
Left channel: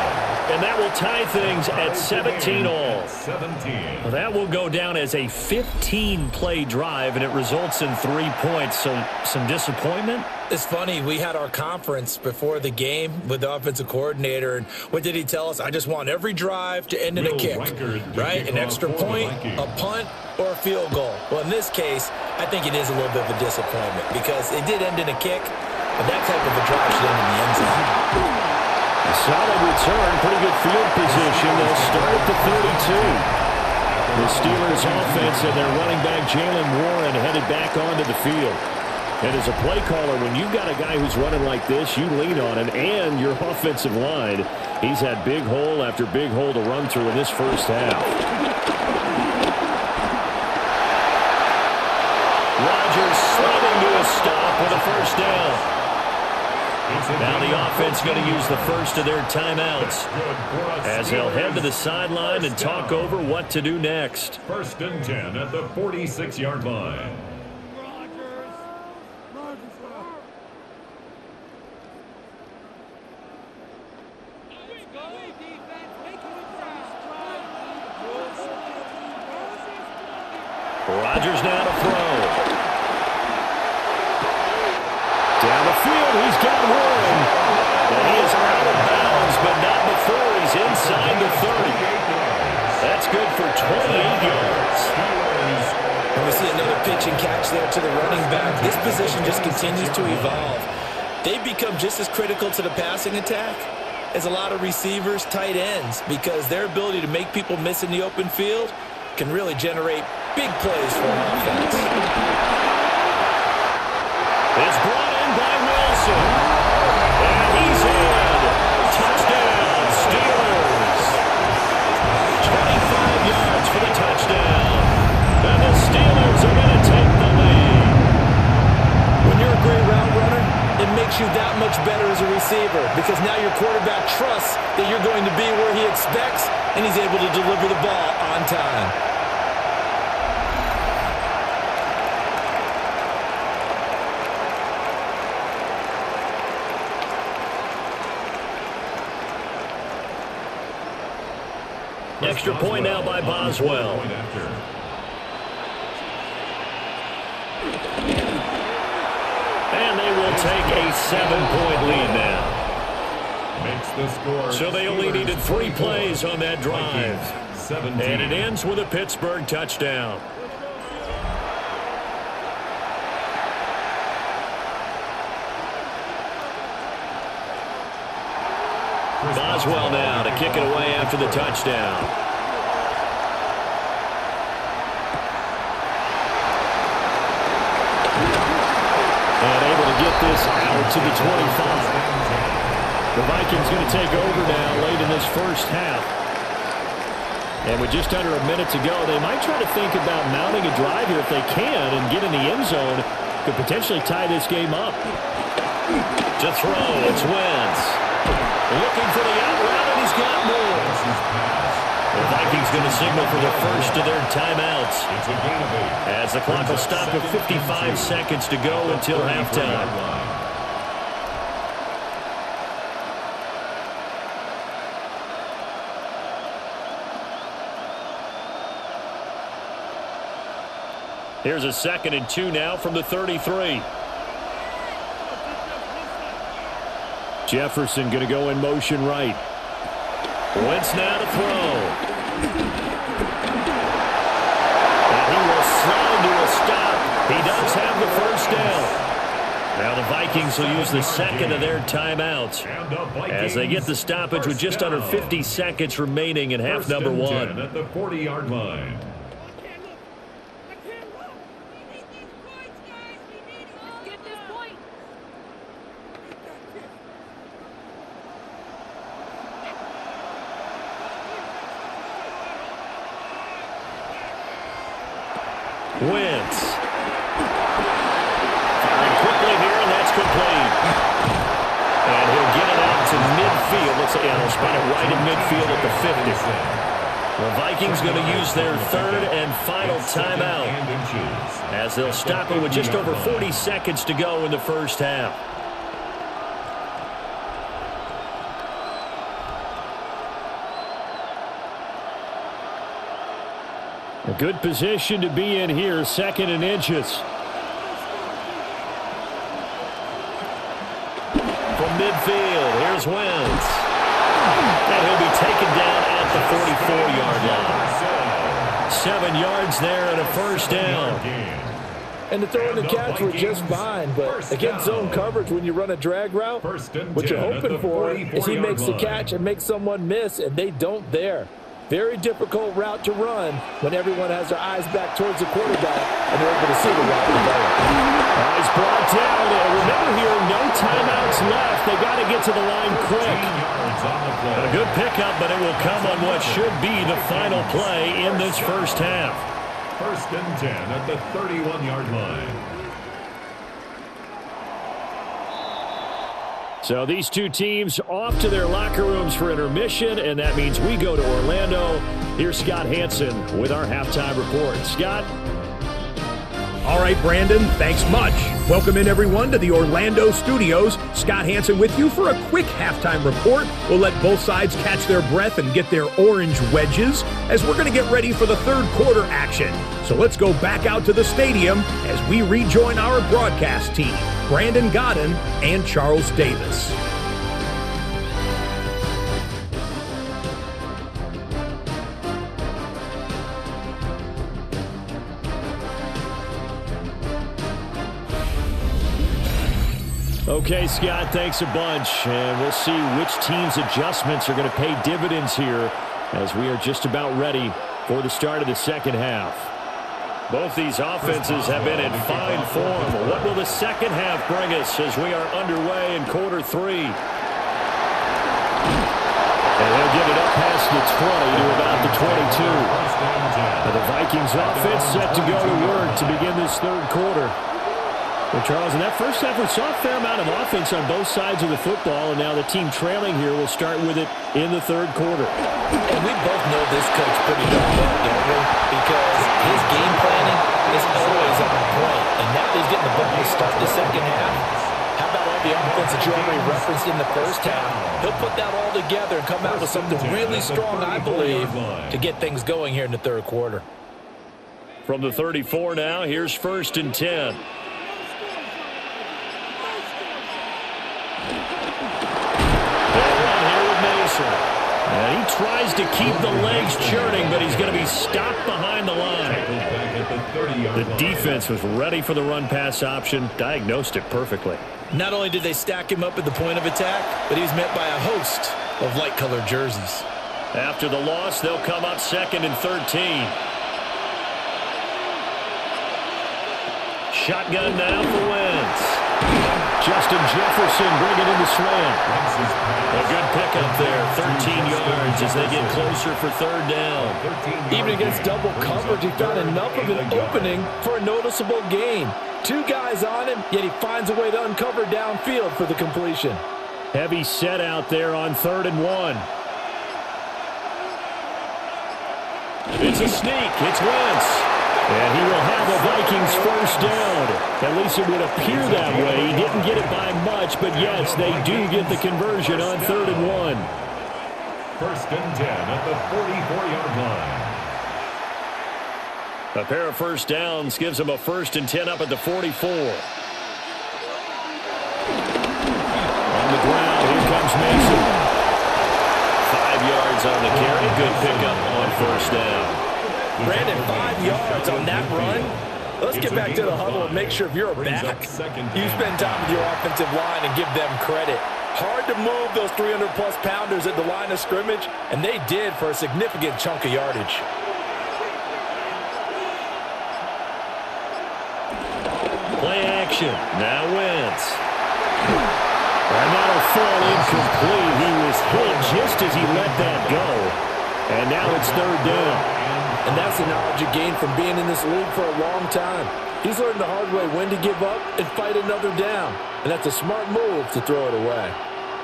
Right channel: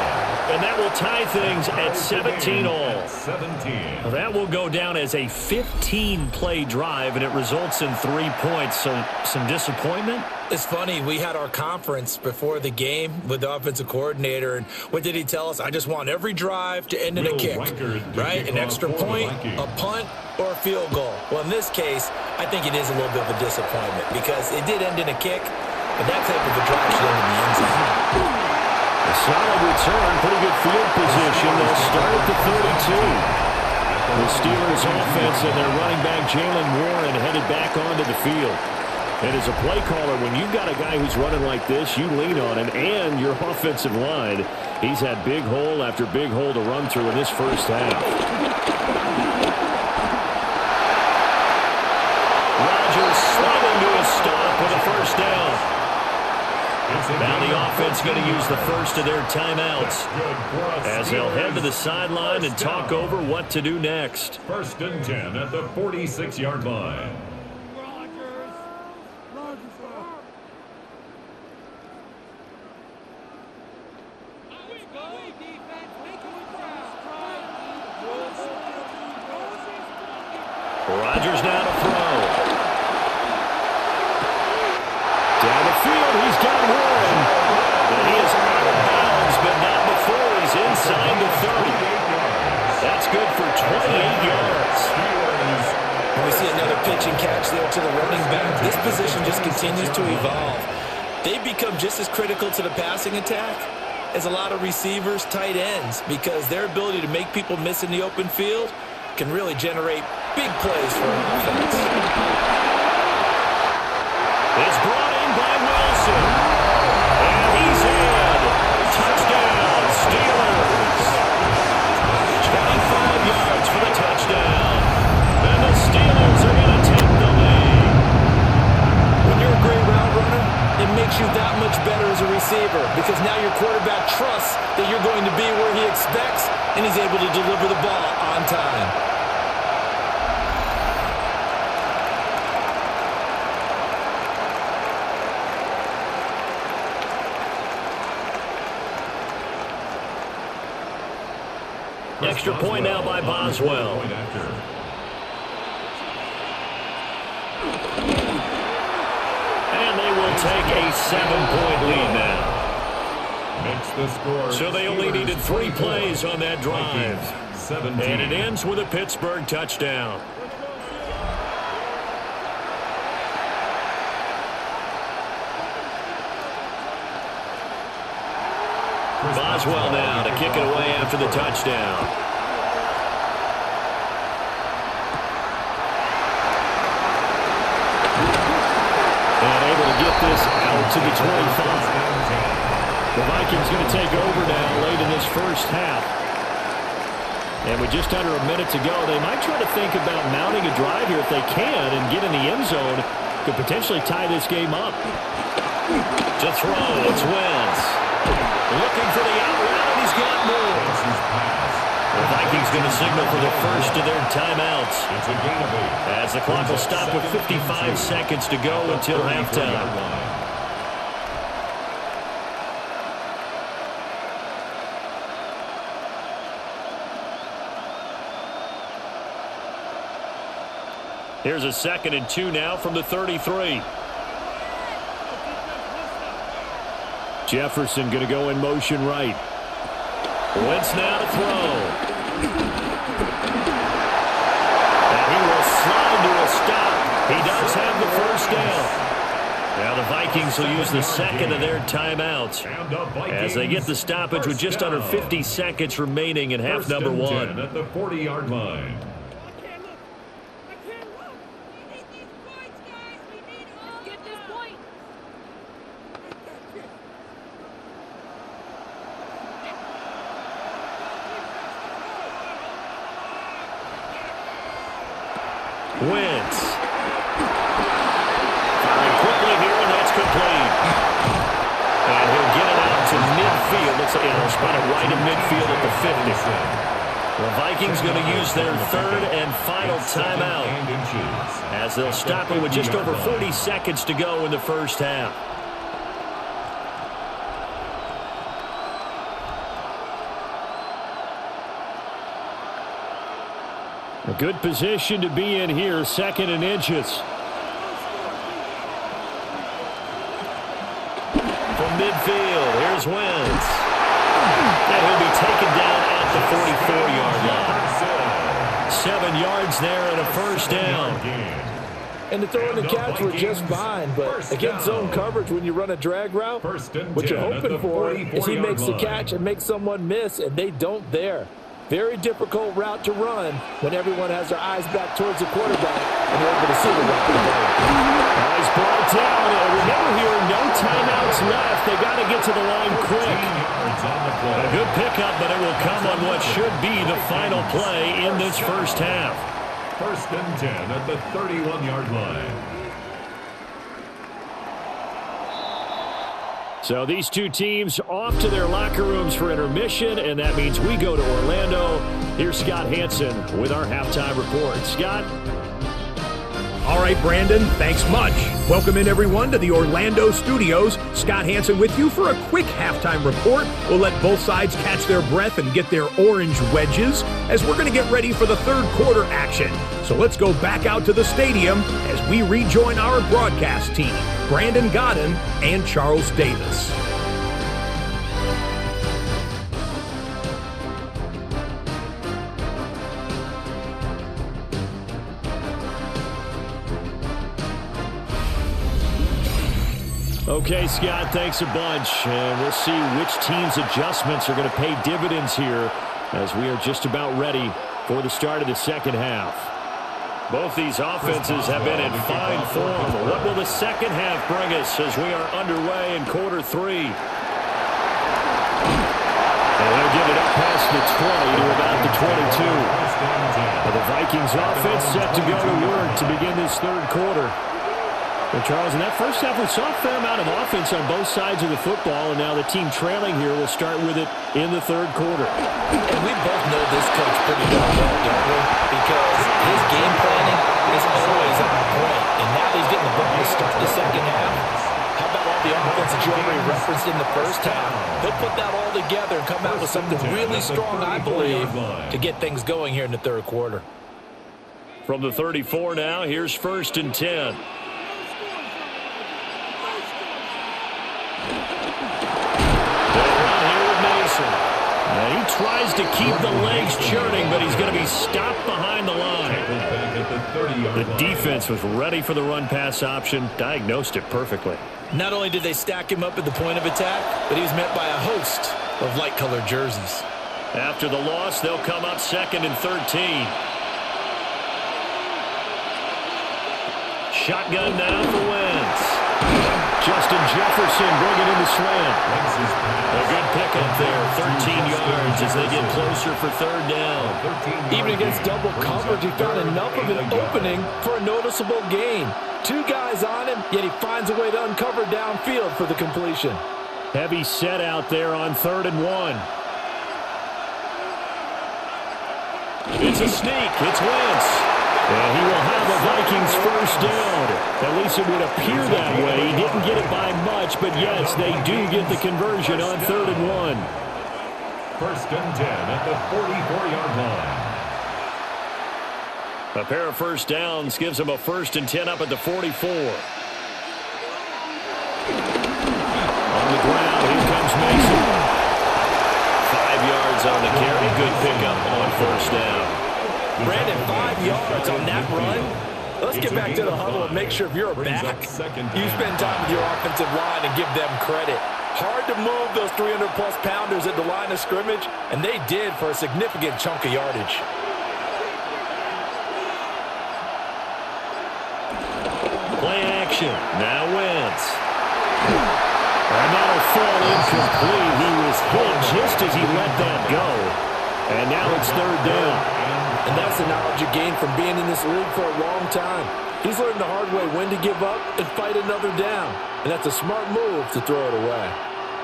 and that will tie things at 17 all. 17. That will go down as a 15-play drive, and it results in 3 points. So some disappointment? It's funny, we had our conference before the game with the offensive coordinator, and what did he tell us? I just want every drive to end in a kick, right? An extra point, a punt, or a field goal. Well, in this case, I think it is a little bit of a disappointment because it did end in a kick, but that type of a drive should end in the end zone. A solid return, pretty good field position. They'll start at the 32. The Steelers offense and their running back Jalen Warren headed back onto the field. And as a play caller, when you've got a guy who's running like this, you lean on him and your offensive line. He's had big hole after big hole to run through in this first half. Rodgers sliding to a stop with a first down. Now the offense going to use the first of their timeouts as they'll head to the sideline and talk over what to do next. 1st and 10 at the 46-yard line. Rodgers now to throw. Down the field, he's got Warren. And he is out of bounds, but not before he's inside the 30. That's good for 28 yards. And we see another pitch and catch there to the running back. This position just continues to evolve. They've become just as critical to the passing attack as a lot of receivers, tight ends, because their ability to make people miss in the open field can really generate big plays for an offense. It's brought in by Wilson. And he's in. Touchdown, Steelers. 25 yards for the touchdown. And the Steelers are going to take the lead. When you're a great route runner, it makes you that much better as a receiver because now your quarterback trusts that you're going to be where he expects, and he's able to deliver the ball on time. Extra point now by Boswell. And they will take a 7-point lead now. Makes the score. So they only needed 3 plays on that drive. 17. And it ends with a Pittsburgh touchdown. Boswell now to kick it away after the touchdown. And able to get this out to the 25. The Vikings going to take over now late in this first half. And with just under a minute to go, they might try to think about mounting a drive here if they can and get in the end zone. Could potentially tie this game up. To throw, it's Wentz. Looking for the out route, and he's got more. The Vikings going to signal for the first of their timeouts. It's a gain of 8. As the clock will stop with 55 seconds to go until halftime. Here's a 2nd and 2 now from the 33. Jefferson going to go in motion right. Wentz now to throw. And he will slide to a stop. He does have the first down. Now the Vikings will use the second of their timeouts as they get the stoppage with just under 50 seconds remaining in half number 1. At the 40-yard line. Wentz. Firing quickly here, and that's complete. And he'll get it out to midfield. Looks like they'll spot it right in midfield at the 50. The Vikings going to use their 3rd and final timeout as they'll stop it with just over 40 seconds to go in the first half. A good position to be in here, 2nd and inches. From midfield, here's Wentz. And he'll be taken down at the 44-yard line. 7 yards there and a first down. And the throw and the catch were just fine, but against zone coverage, when you run a drag route, what you're hoping for is he makes the catch and makes someone miss, and they don't there. Very difficult route to run when everyone has their eyes back towards the quarterback and they're able to see the route develop. Oh, he's brought down. And remember here, no timeouts left. They got to get to the line quick. A good pickup, but it will come on what should be the final play in this first half. 1st and 10 at the 31-yard line. So these two teams off to their locker rooms for intermission, and that means we go to Orlando. Here's Scott Hansen with our halftime report. Scott? All right, Brandon, thanks much. Welcome in, everyone, to the Orlando studios. Scott Hansen with you for a quick halftime report. We'll let both sides catch their breath and get their orange wedges as we're going to get ready for the third quarter action. So let's go back out to the stadium as we rejoin our broadcast team, Brandon Godden and Charles Davis. Okay, Scott, thanks a bunch. And we'll see which team's adjustments are going to pay dividends here as we are just about ready for the start of the second half. Both these offenses have been in fine form. What will the second half bring us as we are underway in quarter 3? And he'll get it up past the 20 to about the 22. Now the Vikings offense set to go to work to begin this third quarter. Well, Charles, in that first half, we saw a fair amount of offense on both sides of the football, and now the team trailing here will start with it in the third quarter. And we both know this coach pretty darn well, don't we? Because his game planning is always on point. And now that he's getting the ball to start the second half, how about all the offense that you already referenced in the first half? He'll put that all together and come out with something really strong, I believe, to get things going here in the third quarter. From the 34 now, here's 1st and 10. They'll run here with Mason. And he tries to keep the legs churning, but he's going to be stopped behind the line. The defense was ready for the run-pass option, diagnosed it perfectly. Not only did they stack him up at the point of attack, but he was met by a host of light-colored jerseys. After the loss, they'll come up 2nd and 13. Shotgun now for Wentz. Justin Jefferson bringing in the slant. A good pickup there, 13 yards as they get closer for third down. Even against double coverage, he found enough of an opening for a noticeable gain. 2 guys on him, yet he finds a way to uncover downfield for the completion. Heavy set out there on 3rd and 1. It's a sneak. It's Wentz. And he will have a Vikings first down. At least it would appear that way. He didn't get it by much, but yes, they do get the conversion on 3rd and 1. 1st and 10 at the 44-yard line. A pair of first downs gives them a 1st and 10 up at the 44. On the ground, here comes Mason. 5 yards on the carry. Good pickup on first down. Brandon, 5 yards on that run. Let's get back to the huddle and make sure if you're a back, you spend time with your offensive line and give them credit. Hard to move those 300-plus pounders at the line of scrimmage, and they did for a significant chunk of yardage. Play action. Now Wentz. And that'll fall incomplete. He was hit just as he let that go. And now it's 3rd down. And that's the knowledge you gain from being in this league for a long time. He's learned the hard way when to give up and fight another down. And that's a smart move to throw it away.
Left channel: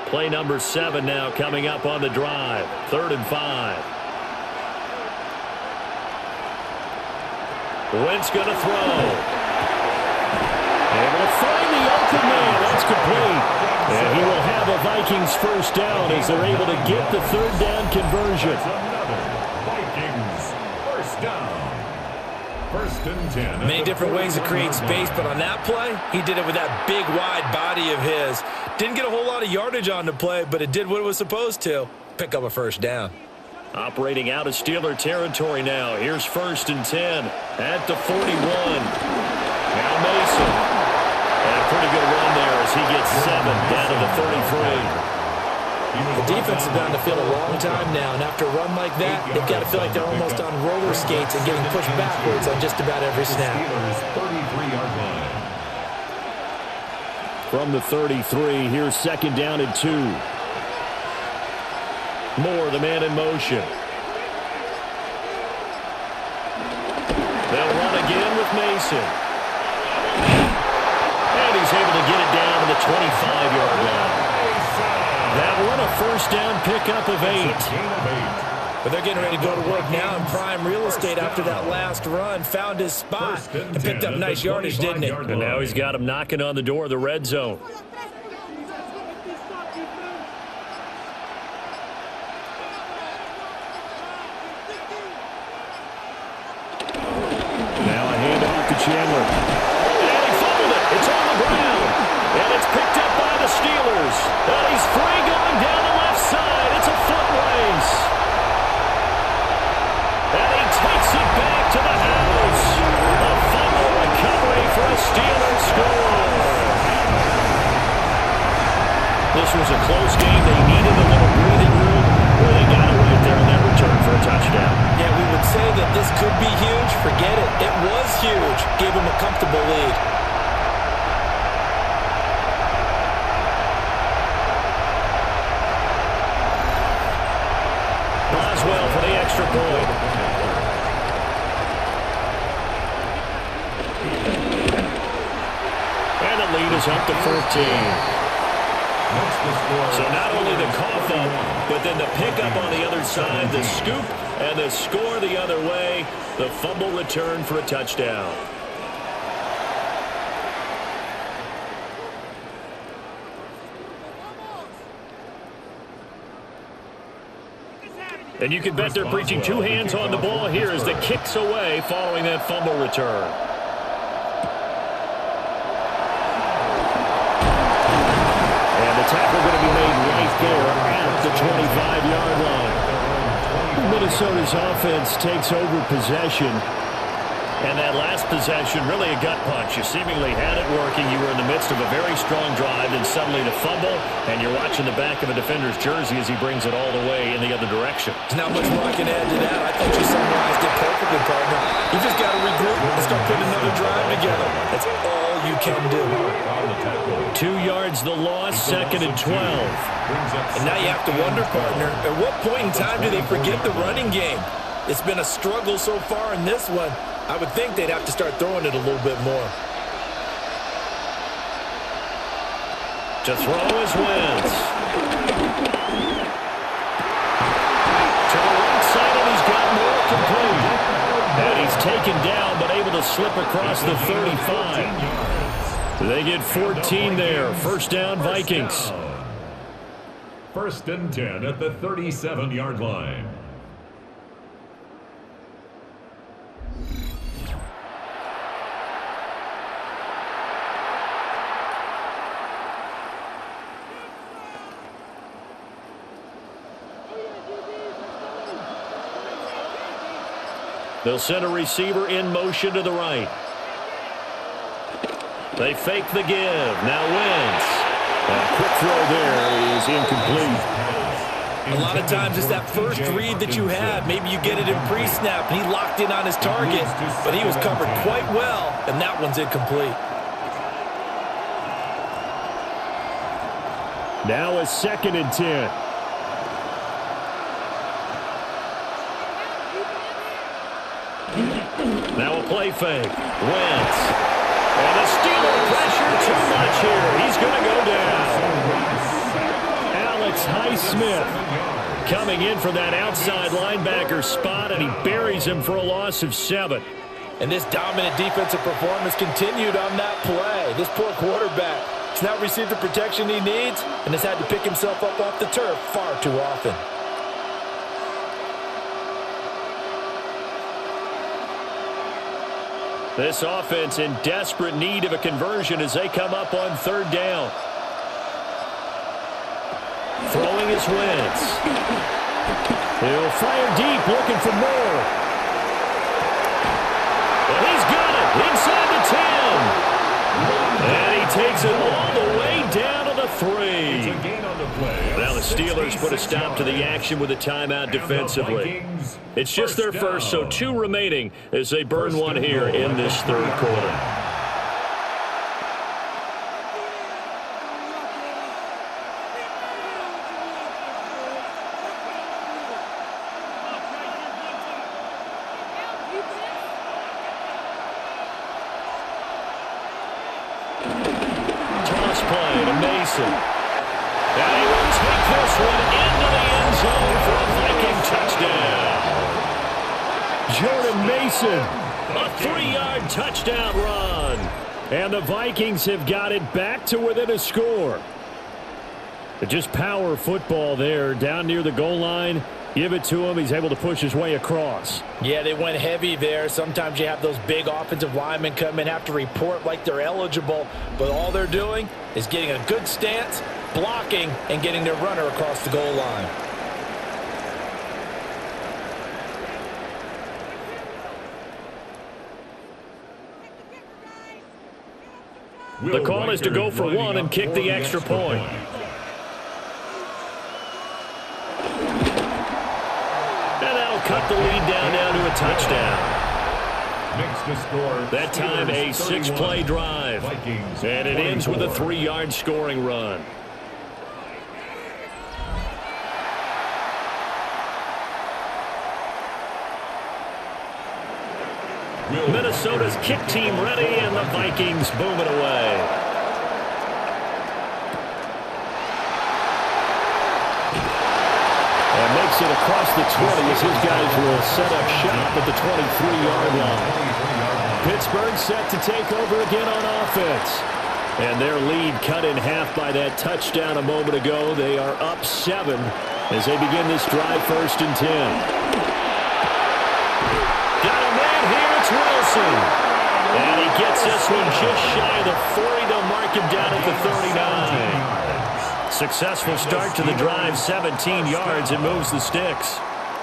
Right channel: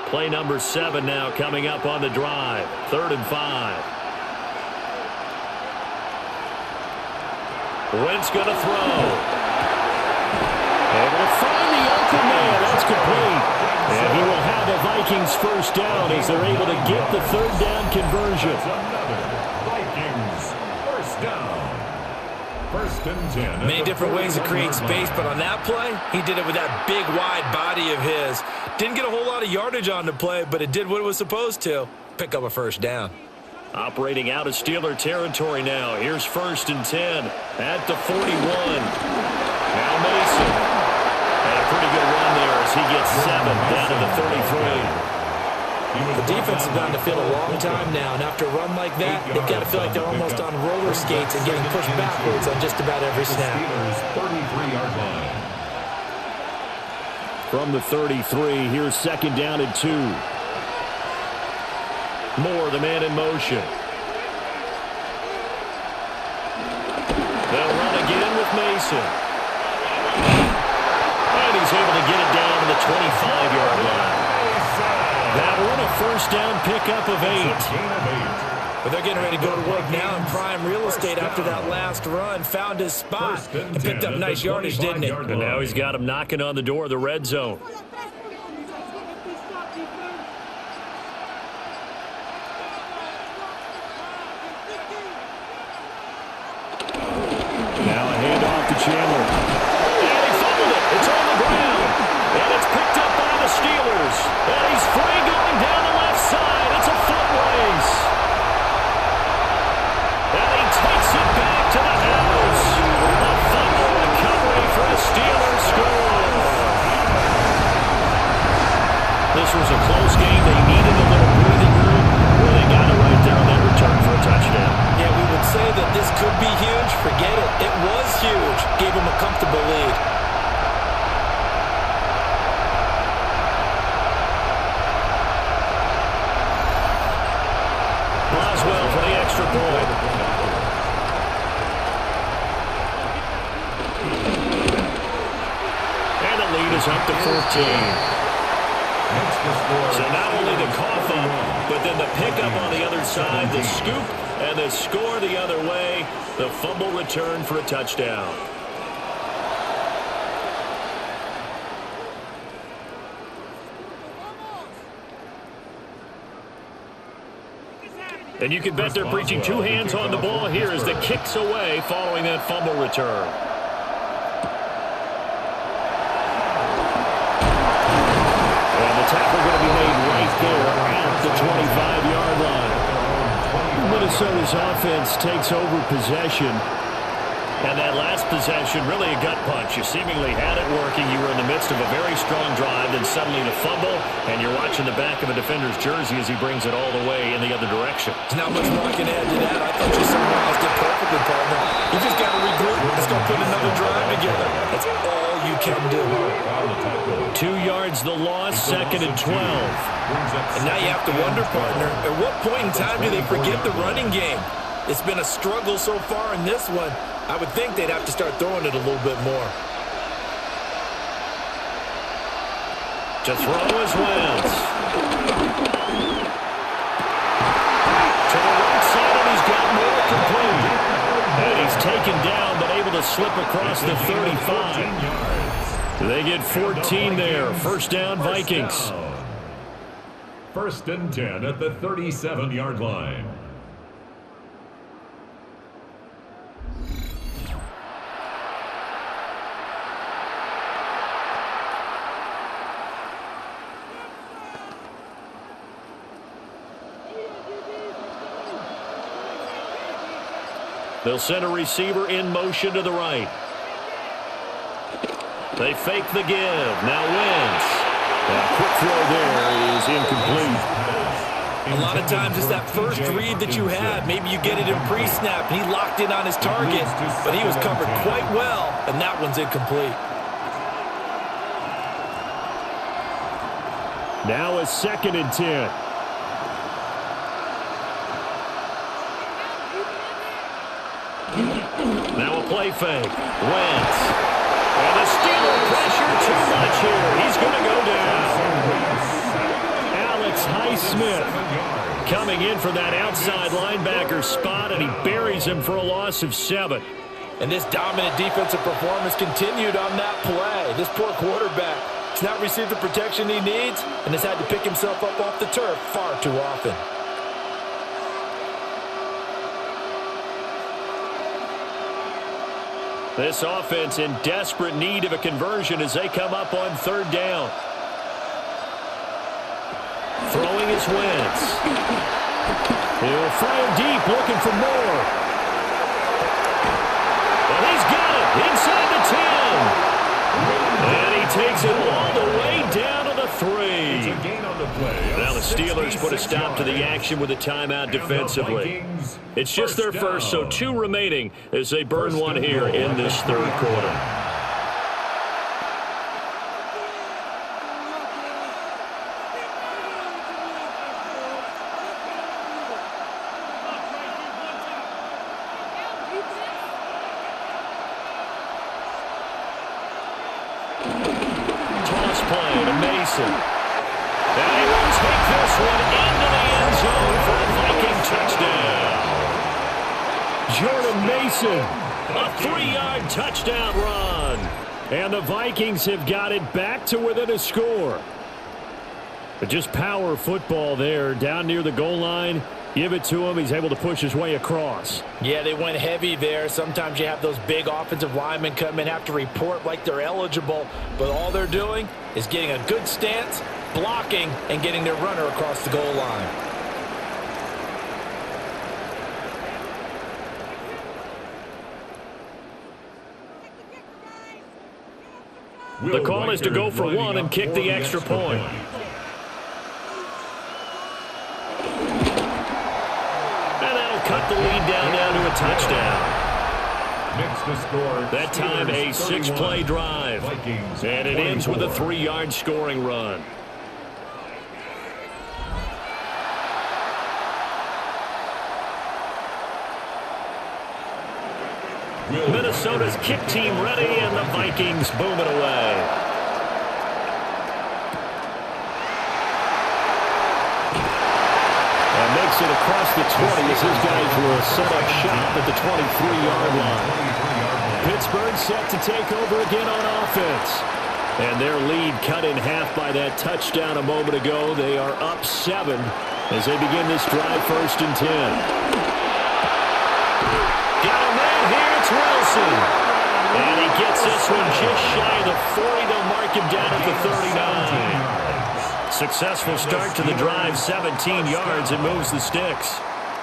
Play number 7 now coming up on the drive. 3rd and 5. Wentz going to throw. Able to find the open man. That's complete. And he will have a Vikings first down as they're able to get the 3rd down conversion. That's another Vikings First down. First and 10. Many different ways to create space, but on that play, he did it with that big, wide body of his. Didn't get a whole lot of yardage on the play, but it did what it was supposed to. Pick up a first down. Operating out of Steeler territory now. Here's first and 10 at the 41. Now Mason. And a pretty good run there as he gets 7 down to the 33. The defense has been on the field a long time now, and after a run like that, they've got to feel like they're almost on roller skates and getting pushed backwards on just about every snap. Steelers 33-yard line. From the 33, here's second down and 2. Moore, the man in motion. They'll run again with Mason. And he's able to get it down to the 25-yard line. That one, a first down pickup of 8. But they're getting ready to go to work now in prime real estate after that last run. Found his spot and picked up nice yardage, didn't it? And now he's got him knocking on the door of the red zone. Now a handoff to Chandler. And he fumbled it. It's on the ground. And it's picked up by the Steelers. And he's free going down the left side. It's a foot race. And he takes it back to the house. A fumble recovery for a Steelers score. This was a close game. They needed a little breathing room. Boy, they got it right there on that return for a touchdown. Yeah, we would say that this could be huge. Forget it. It was huge. Gave him a comfortable lead. Boswell for the extra point. And the lead is up to 14. So not only the cough up, but then the pickup on the other side, the scoop, and the score the other way. The fumble return for a touchdown. And you can bet they're preaching two hands on the ball here as the kick's away following that fumble return. And the tackle going to be made right there at the 25-yard line. Minnesota's offense takes over possession. And that last possession, really a gut punch. You seemingly had it working. You were in the midst of a very strong drive, then suddenly the fumble, and you're watching the back of a defender's jersey as he brings it all the way in the other direction. There's not much more I can add to that. I thought you summarized it perfectly, partner. You just got to regroup and start putting another drive together. That's all you can do. 2 yards the loss, second and 12. And now you have to wonder, partner, at what point in time do they forget the running game? It's been a struggle so far in this one. I would think they'd have to start throwing it a little bit more. To throw is Wentz. To the right side, and he's got more complete. And he's taken down, but able to slip across the 35. They get 14 there. First down, Vikings. First and 10 at the 37-yard line. They'll send a receiver in motion to the right. They fake the give. Now Wentz. A quick throw there is incomplete. A lot of times it's that first read that you have. Maybe you get it in pre-snap, and he locked in on his target, but he was covered quite well, and that one's incomplete. Now a second and 10. Now a play fake. Wentz. And the Steeler pressure too much here. He's going to go down. Alex Highsmith coming in for that outside linebacker spot, and he buries him for a loss of 7. And this dominant defensive performance continued on that play. This poor quarterback has not received the protection he needs and has had to pick himself up off the turf far too often. This offense in desperate need of a conversion as they come up on third down. Throwing is Wentz. He'll fire deep, looking for more. And he's got it inside the 10. And he takes it all the way down to the 3. It's a gain on the play. Now the Steelers put a stop to the action with a timeout defensively. It's just their first, so 2 remaining as they burn one here in this third quarter. Toss play to Mason. And he will take this one into the end zone for a Viking touchdown. Jordan Mason, a 3-yard touchdown run. And the Vikings have got it back to within a score. But just power football there down near the goal line. Give it to him. He's able to push his way across. Yeah, they went heavy there. Sometimes you have those big offensive linemen come in, have to report like they're eligible. But all they're doing is getting a good stance, blocking, and getting their runner across the goal line. The call is to go for one and kick the extra point. And that'll cut the lead down to a touchdown. Makes the score. That time a 6-play drive. Vikings, and it ends with a 3-yard scoring run. Minnesota's kick team ready, and the Vikings boom it away. And makes it across the 20 as his guys will set up shop at the 23-yard line. Pittsburgh set to take over again on offense. And their lead cut in half by that touchdown a moment ago. They are up 7 as they begin this drive, 1st and 10. Got a man here, it's Wilson. And he gets this one just shy of the 40. They'll mark him down at the 39. Successful start to the drive, 17 yards, and moves the sticks.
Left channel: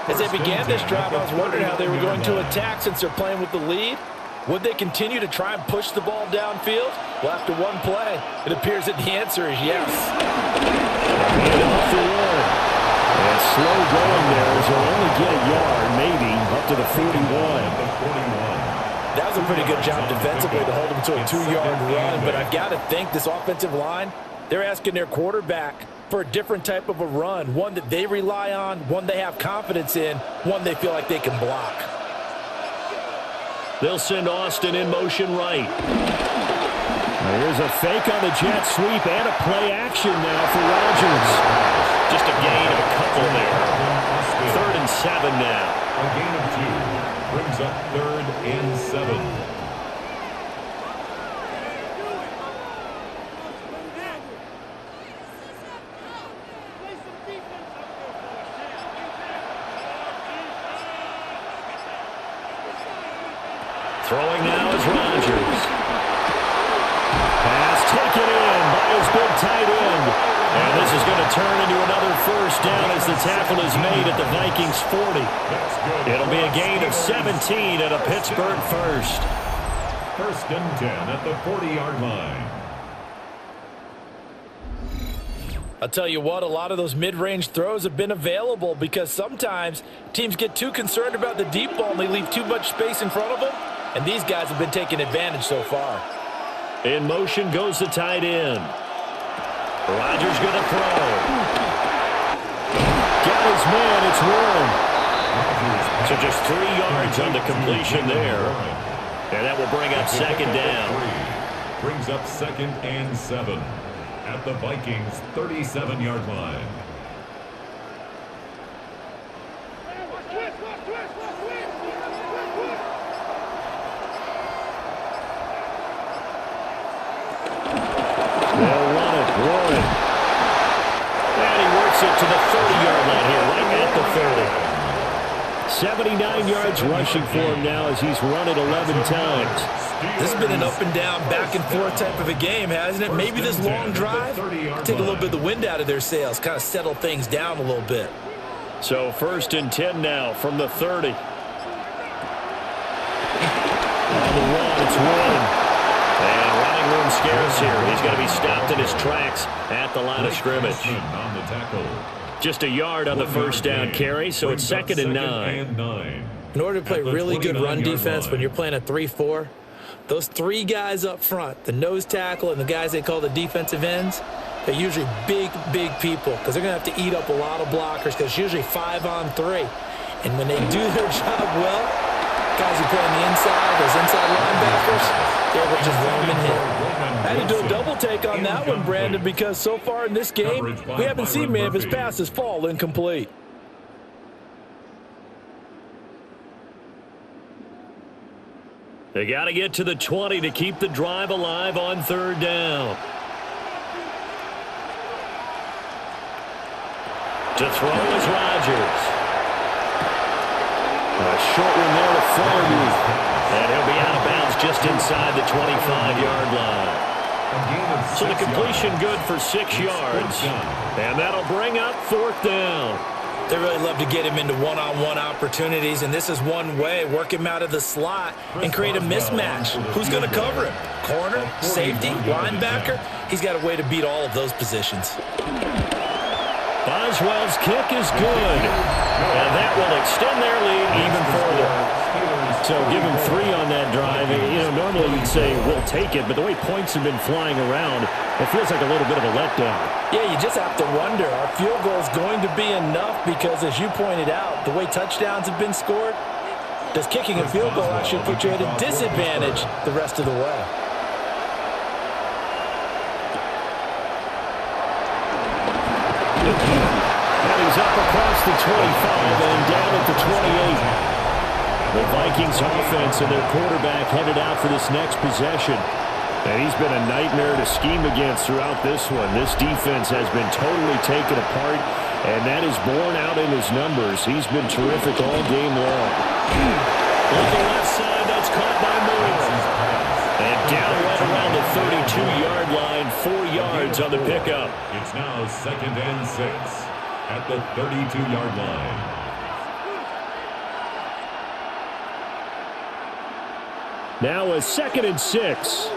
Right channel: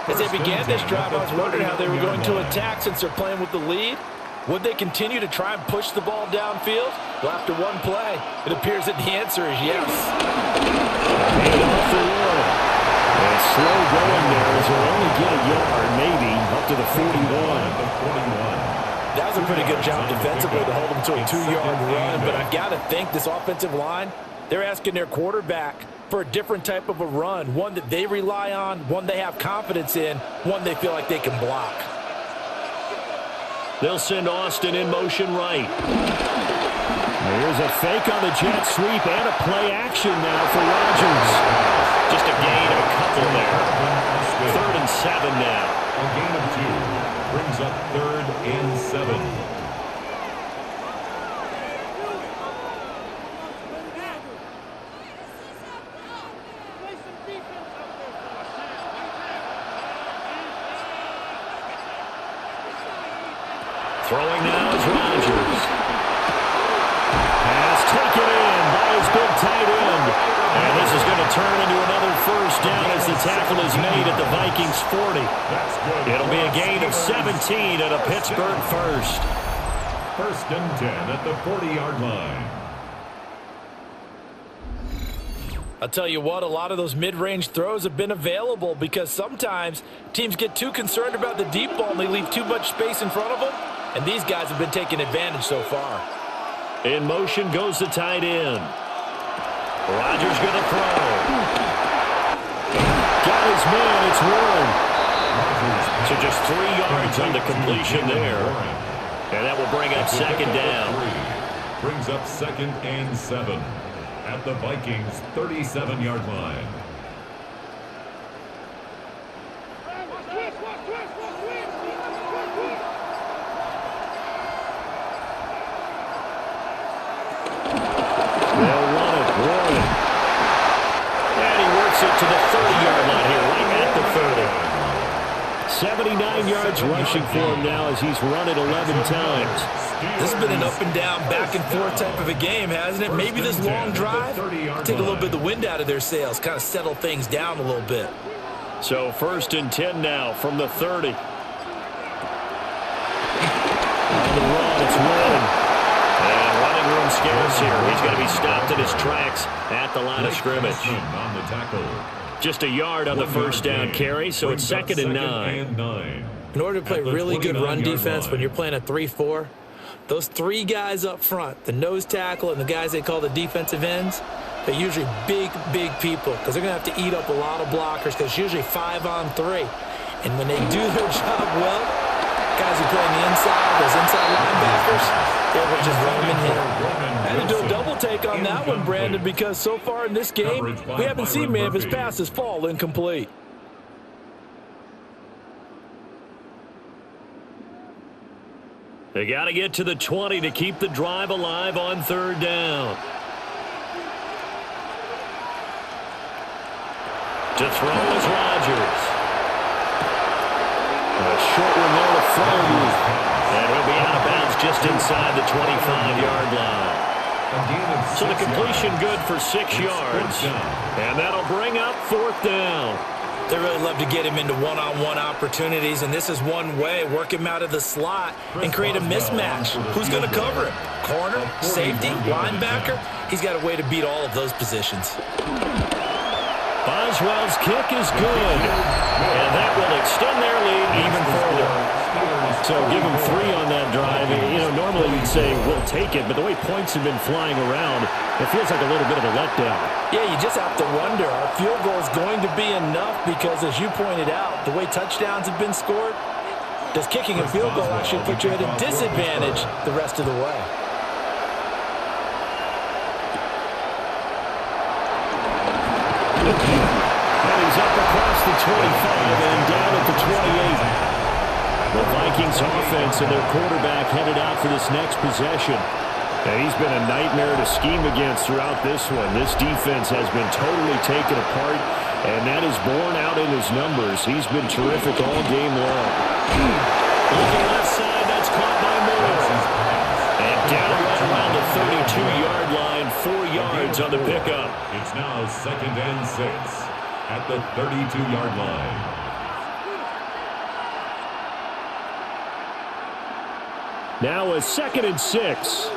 As they began this drive, I was wondering how they were going to attack since they're playing with the lead. Would they continue to try and push the ball downfield? Well, after one play, it appears that the answer is yes. Hand off for one. And slow going there as they'll only get a yard, maybe, up to the 41. That was a pretty good job defensively to hold them to a 2-yard run, but I've got to think this offensive line, they're asking their quarterback for a different type of a run, one that they rely on, one they have confidence in, one they feel like they can block. They'll send Austin in motion right. Here's a fake on the jet sweep and a play action now for Rodgers. Just a gain of a couple there. 3rd and 7 now. A gain of 2 brings up 3rd and 7. Throwing now is Rodgers. Pass taken in by his big tight end. And this is going to turn into another 1st down as the tackle is made at the Vikings 40. It'll be a gain of 17 at a Pittsburgh 1st. 1st and 10 at the 40-yard line. I'll tell you what, a lot of those mid-range throws have been available because sometimes teams get too concerned about the deep ball and they leave too much space in front of them. And these guys have been taking advantage so far. In motion goes the tight end. Rodgers going to throw. Got his man, it's Warren. So just 3 yards on the completion there. And that will bring up 2nd down. Brings up 2nd and 7 at the Vikings 37-yard line. They'll run it. Warren. And he works it to the 30-yard line here, right at the 30. 79 yards rushing for him now as he's run it 11 times. This has been an up and down, back and forth type of a game, hasn't it? Maybe this long drive take a little bit of the wind out of their sails, kind of settle things down a little bit. So 1st and 10 now from the 30. On the run, it's Warren. And running room scarce here. He's going to be stopped in his tracks at the line of scrimmage. On the tackle. Just a yard on the first down carry, so it's 2nd and 9. In order to play really good run defense when you're playing a 3-4, those 3 guys up front, the nose tackle and the guys they call the defensive ends, they're usually big people because they're going to have to eat up a lot of blockers because it's usually 5-on-3. And when they do their job well, guys who play on the inside, those inside linebackers, they're able to just roam and hit. I had to do a double take on that one, Brandon, because so far in this game, we haven't seen many of his passes fall incomplete. They got to get to the 20 to keep the drive alive on 3rd down. To throw is Rodgers. A short one there to Freiermuth. And he'll be out of bounds just inside the 25-yard line. So the completion good for 6 yards. And that'll bring up 4th down. They really love to get him into one-on-one opportunities, and this is one way. Work him out of the slot and create a mismatch. Who's going to cover him? Corner, safety, linebacker? He's got a way to beat all of those positions. Boswell's kick is good, and that will extend their lead even further. So give them 3 on that drive. You know, normally you'd say we'll take it, but the way points have been flying around, it feels like a little bit of a letdown. Yeah, you just have to wonder, our field goal is going to be enough because, as you pointed out, the way touchdowns have been scored, does kicking a field goal actually put you at a disadvantage the rest of the way? And he's up across the 25 and down at the 28. The Vikings offense and their quarterback headed out for this next possession. And he's been a nightmare to scheme against throughout this one. This defense has been totally taken apart, and that is borne out in his numbers. He's been terrific all game long. Looking left side, that's caught by Moore. And down right around the 32-yard line, 4 yards on the pickup. It's now 2nd and 6 at the 32-yard line. Now a 2nd and 6.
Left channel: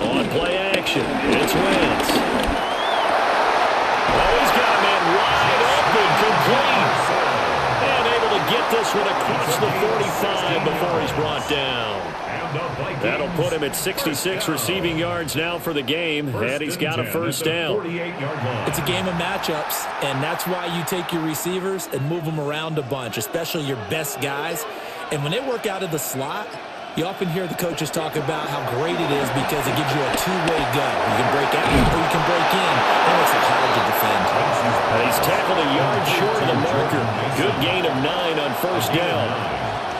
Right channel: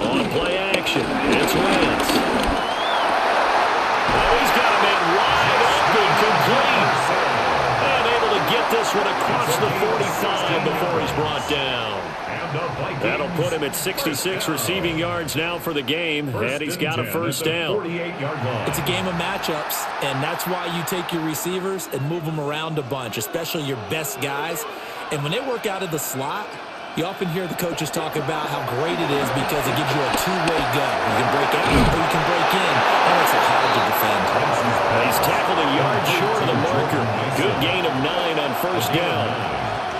On play action, it's Wentz. Oh, he's got a man wide open, complete. And able to get this one across the 45 before he's brought down. That'll put him at 66 receiving yards now for the game, and he's got a first down. It's a game of matchups, and that's why you take your receivers and move them around a bunch, especially your best guys. And when they work out of the slot, you often hear the coaches talk about how great it is because it gives you a two-way go. You can break out or you can break in. That makes it hard to defend. He's tackled a yard short of the marker. Good gain of 9 on first down.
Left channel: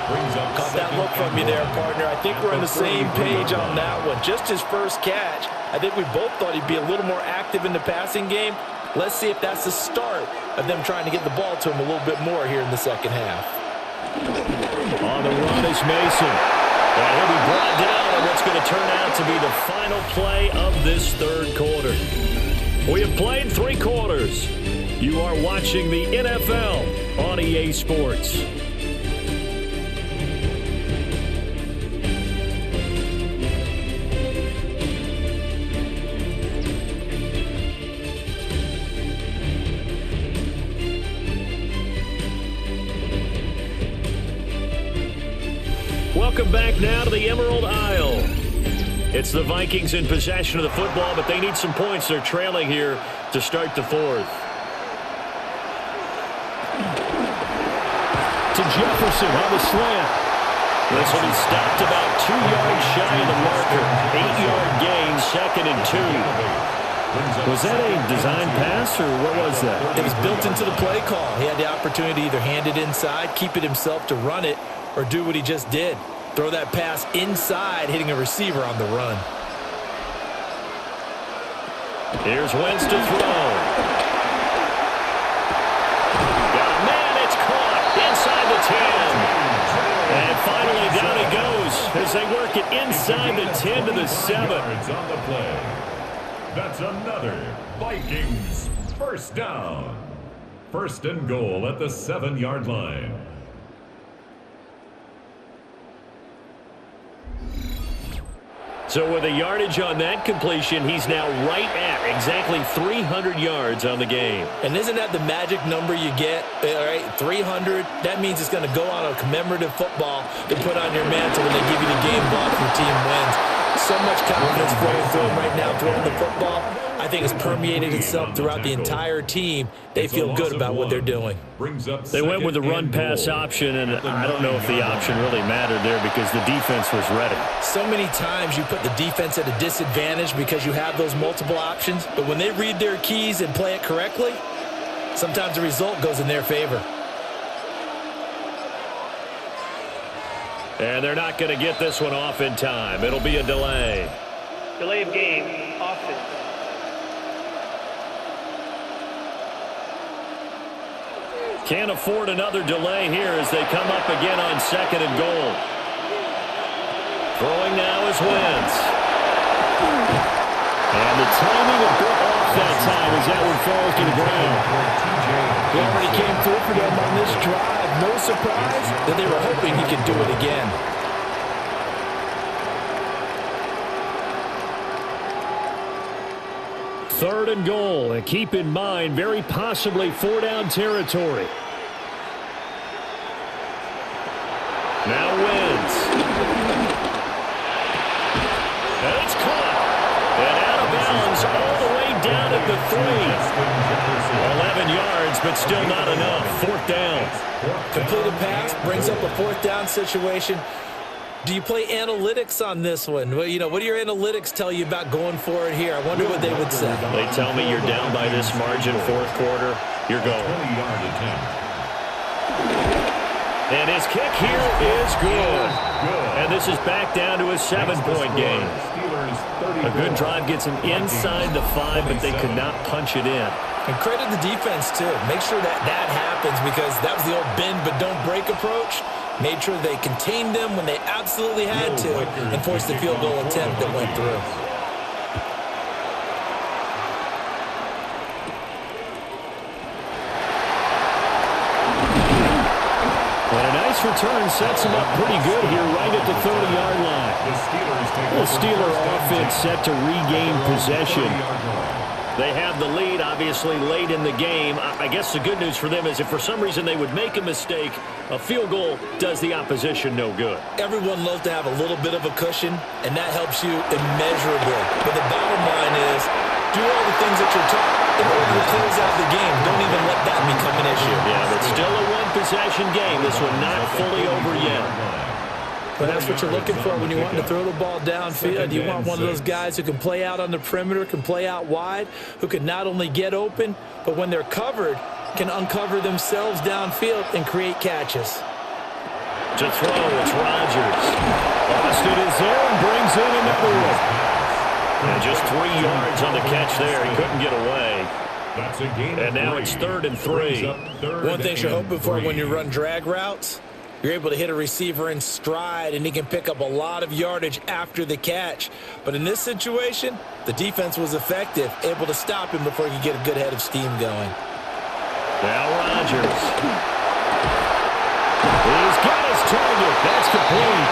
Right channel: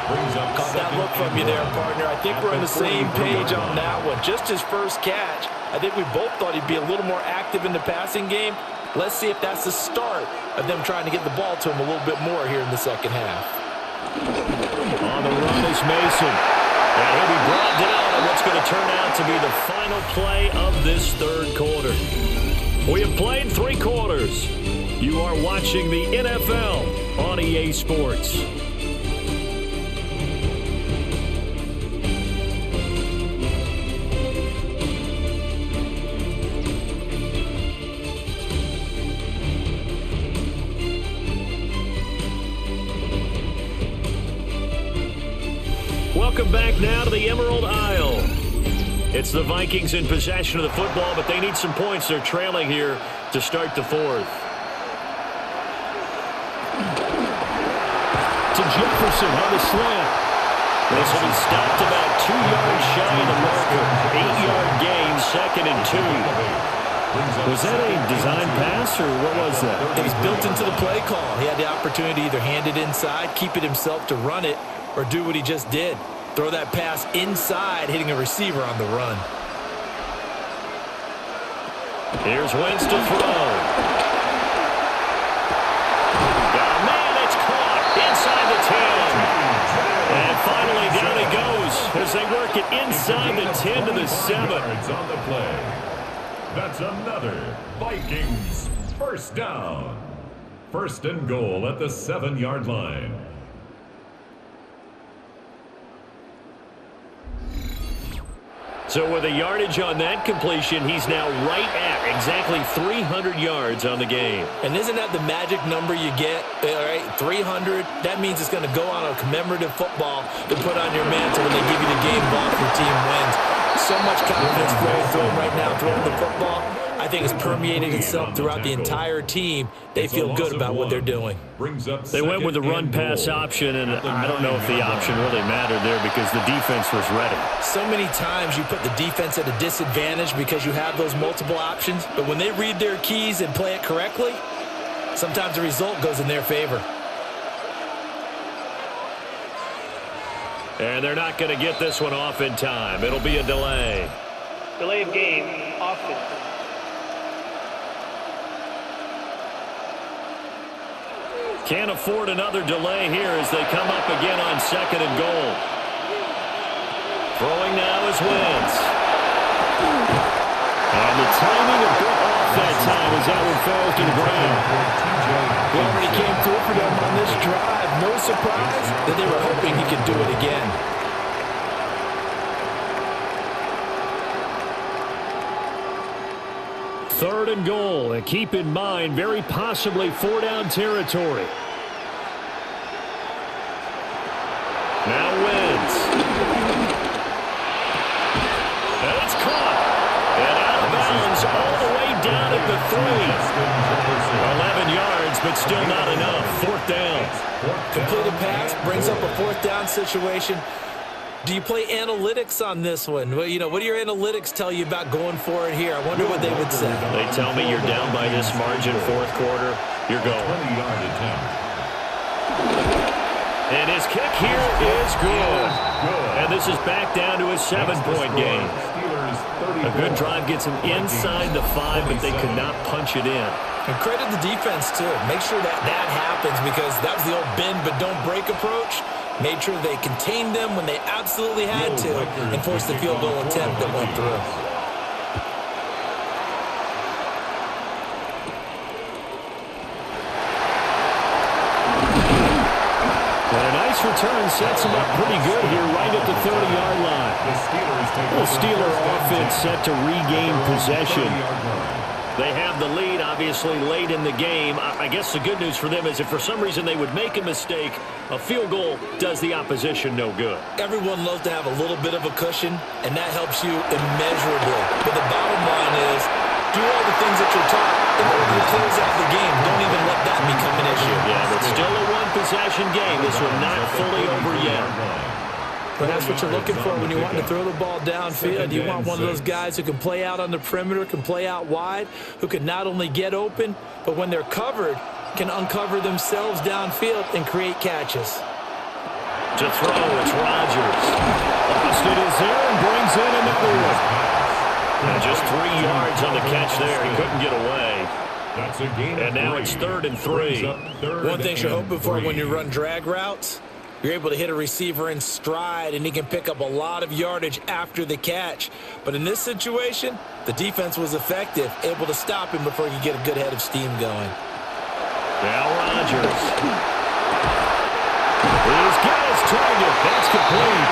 Caught that look from you there, partner. I think we're on the same page on that one. Just his first catch. I think we both thought he'd be a little more active in the passing game. Let's see if that's the start of them trying to get the ball to him a little bit more here in the second half. On the run is Mason. And he'll be brought down on what's going to turn out to be the final play of this third quarter. We have played 3 quarters. You are watching the NFL on EA Sports. Welcome back now to the Emerald Isle. It's the Vikings in possession of the football, but they need some points. They're trailing here to start the fourth. To Jefferson on the slant. This will be stopped about 2 yards shy of the marker. 8-yard gain, 2nd and 2. Was that a design pass, or what was that? It was built into the play call. He had the opportunity to either hand it inside, keep it himself to run it, or do what he just did. Throw that pass inside, hitting a receiver on the run. Here's Wentz to throw. 10. And finally down he goes as they work it inside the 10 to the 7. Yards on the play. That's another Vikings first down. First and goal at the 7-yard line. So with a yardage on that completion, he's now right at exactly 300 yards on the game. And isn't that the magic number you get? All right, 300. That means it's going to go on a commemorative football to put on your mantle when they give you the game ball if your team wins. So much confidence flowing through him right now throwing the football. I think it's permeated itself throughout the entire team. They feel good about what they're doing. They went with the run-pass option, and I don't know if the option really mattered there because the defense was ready. So many times you put the defense at a disadvantage because you have those multiple options, but when they read their keys and play it correctly, sometimes the result goes in their favor. And they're not going to get this one off in time. It'll be a delay. Delay of game, offense. Can't afford another delay here as they come up again on 2nd and goal. Throwing now is Wentz. And the timing a bit off that time as that one falls to the ground. He already came through for them on this drive. No surprise that they were hoping he could do it again. Third and goal, and keep in mind, very possibly 4-down territory. Now Wentz. And it's caught. And out of bounds all the way down at the 3. 11 yards, but still not enough. 4th down. Completed pass brings up a 4th down situation. Do you play analytics on this one? Well, you know, what do your analytics tell you about going for it here? I wonder what they would say. They tell me you're down by this margin 4th quarter. You're going. 20-yard attempt. And his kick here is good. And this is back down to a 7-point game. A good drive gets them inside the 5, but they could not punch it in. And credit the defense, too. Make sure that that happens because that was the old bend but don't break approach. Made sure they contained them when they absolutely had to and forced the field goal attempt that went through. And a nice return sets him up pretty good here right at the 30-yard line. The Steeler offense set to regain possession. They have the lead, obviously, late in the game. I guess the good news for them is if for some reason they would make a mistake, a field goal does the opposition no good. Everyone loves to have a little bit of a cushion, and that helps you immeasurably. But the bottom line is, do all the things that you're taught in order to close out the game. Don't even let that become an issue. Yeah, but still a one-possession game. This one not fully over yet. But that's what you're looking for when you want to throw the ball downfield. You want one of those guys who can play out on the perimeter, can play out wide, who can not only get open, but when they're covered, can uncover themselves downfield and create catches. To throw, it's Rodgers. Austin is there and brings in another one. And just 3 yards on the catch there. He couldn't get away. And now it's 3rd and 3. One thing you're hoping for when you run drag routes, you're able to hit a receiver in stride, and he can pick up a lot of yardage after the catch. But in this situation, the defense was effective, able to stop him before he could get a good head of steam going. Now Rodgers. He's got his target. That's complete.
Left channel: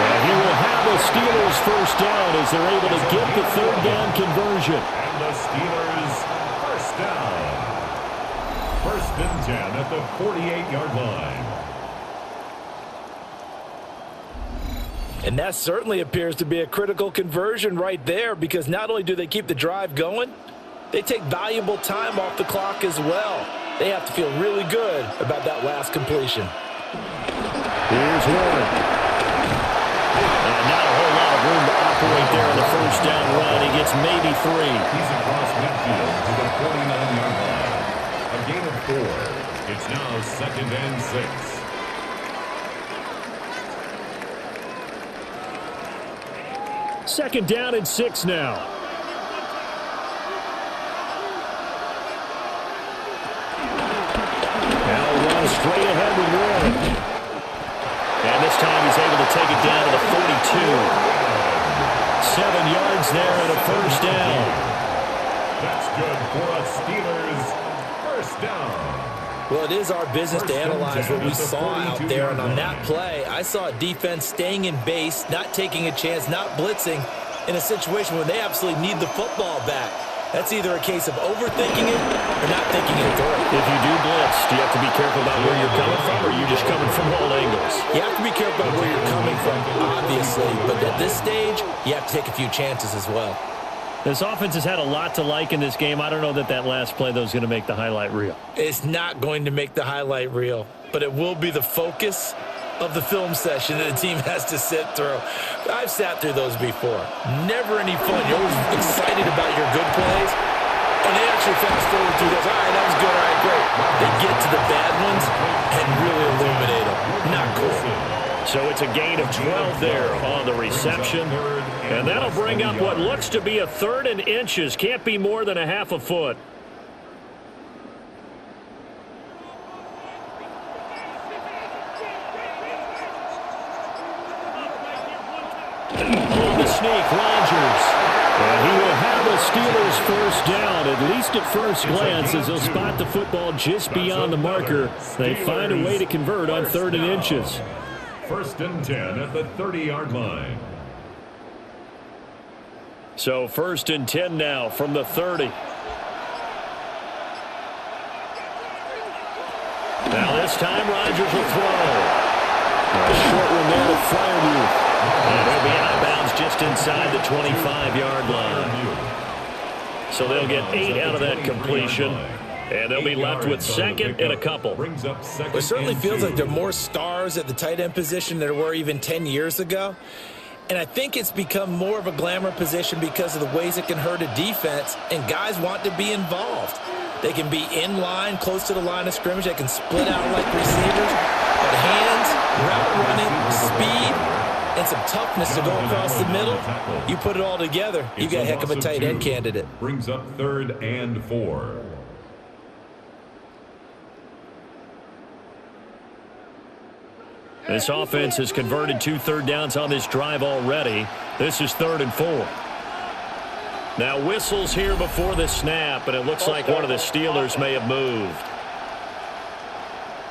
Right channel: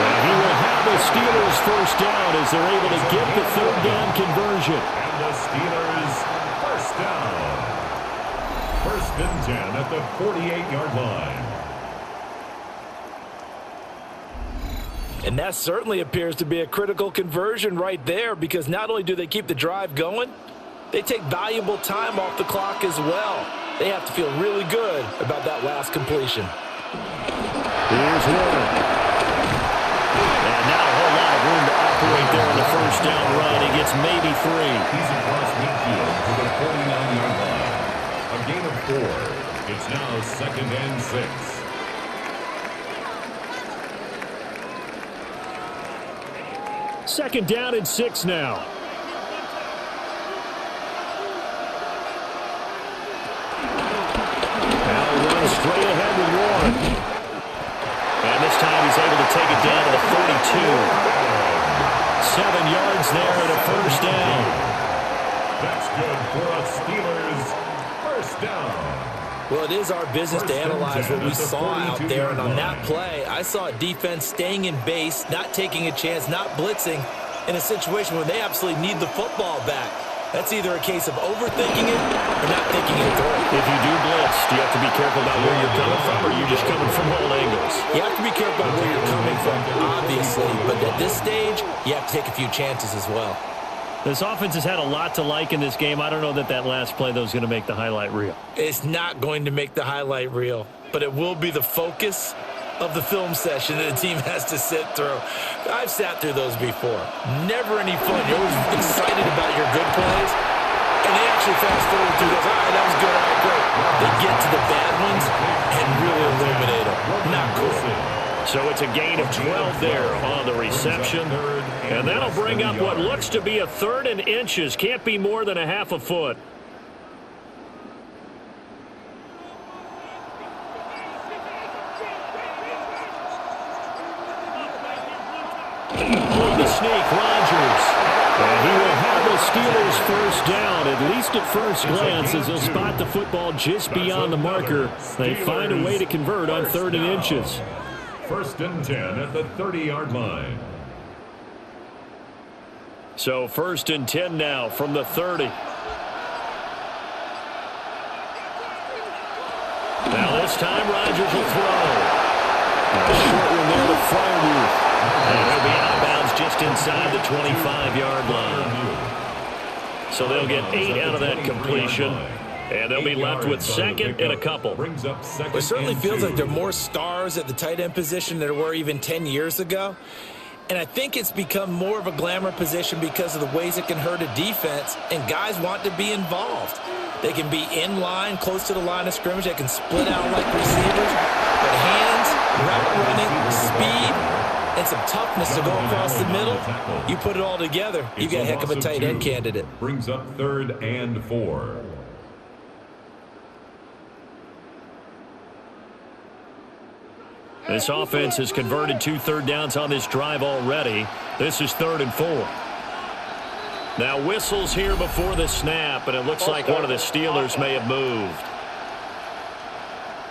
And he will have a Steelers first down as they're able to get the 3rd down conversion. And the Steelers first down. 1st and 10 at the 48-yard line. And that certainly appears to be a critical conversion right there because not only do they keep the drive going, they take valuable time off the clock as well. They have to feel really good about that last completion. Here's one. And not a whole lot of room to operate there on the first down run. He gets maybe 3. He's across midfield to the 49-yard line. A gain of 4. It's now 2nd and 6. Second down and 6 now. Now run straight ahead with Warren. And this time he's able to take it down to the 42. 7 yards there and a first down. That's good for a Steelers first down. Well, it is our business to analyze what we saw out there. And on that play, I saw a defense staying in base, not taking a chance, not blitzing in a situation where they absolutely need the football back. That's either a case of overthinking it or not thinking it through. If you do blitz, do you have to be careful about where you're coming from, or are you just coming from all angles? You have to be careful about where you're coming from, obviously. But at this stage, you have to take a few chances as well. This offense has had a lot to like in this game. I don't know that last play, though, is going to make the highlight reel. It's not going to make the highlight reel, but it will be the focus of the film session that the team has to sit through. I've sat through those before. Never any fun. You're always excited about your good plays, and they actually fast forward through those. All right, that was good. All right, great. They get to the bad ones and really illuminate them. Not cool. So it's a gain of 12 there on the reception. And that'll bring up what looks to be a 3rd and inches. Can't be more than a half a foot. On the sneak, Rodgers. And he will have a Steelers first down, at least at first glance, as he'll spot the football just beyond the marker. They find a way to convert on 3rd and inches. 1st and 10 at the 30-yard line. So 1st and 10 now from the 30. Now this time Rodgers will throw. A short one there to Freiermuth. And he'll be out of bounds just inside the 25-yard line. So they'll get 8 out of that completion. And they'll be left with 2nd and a couple. It certainly feels like there are more stars at the tight end position than there were even 10 years ago. And I think it's become more of a glamour position because of the ways it can hurt a defense, and guys want to be involved. They can be in line, close to the line of scrimmage. They can split out like receivers. But hands, route running, speed, and some toughness to go across the middle, you put it all together, you got a heck of a tight end candidate. Brings up 3rd and 4. This offense has converted 2 third downs on this drive already. This is 3rd and 4. Now whistles here before the snap, and it looks like one of the Steelers may have moved.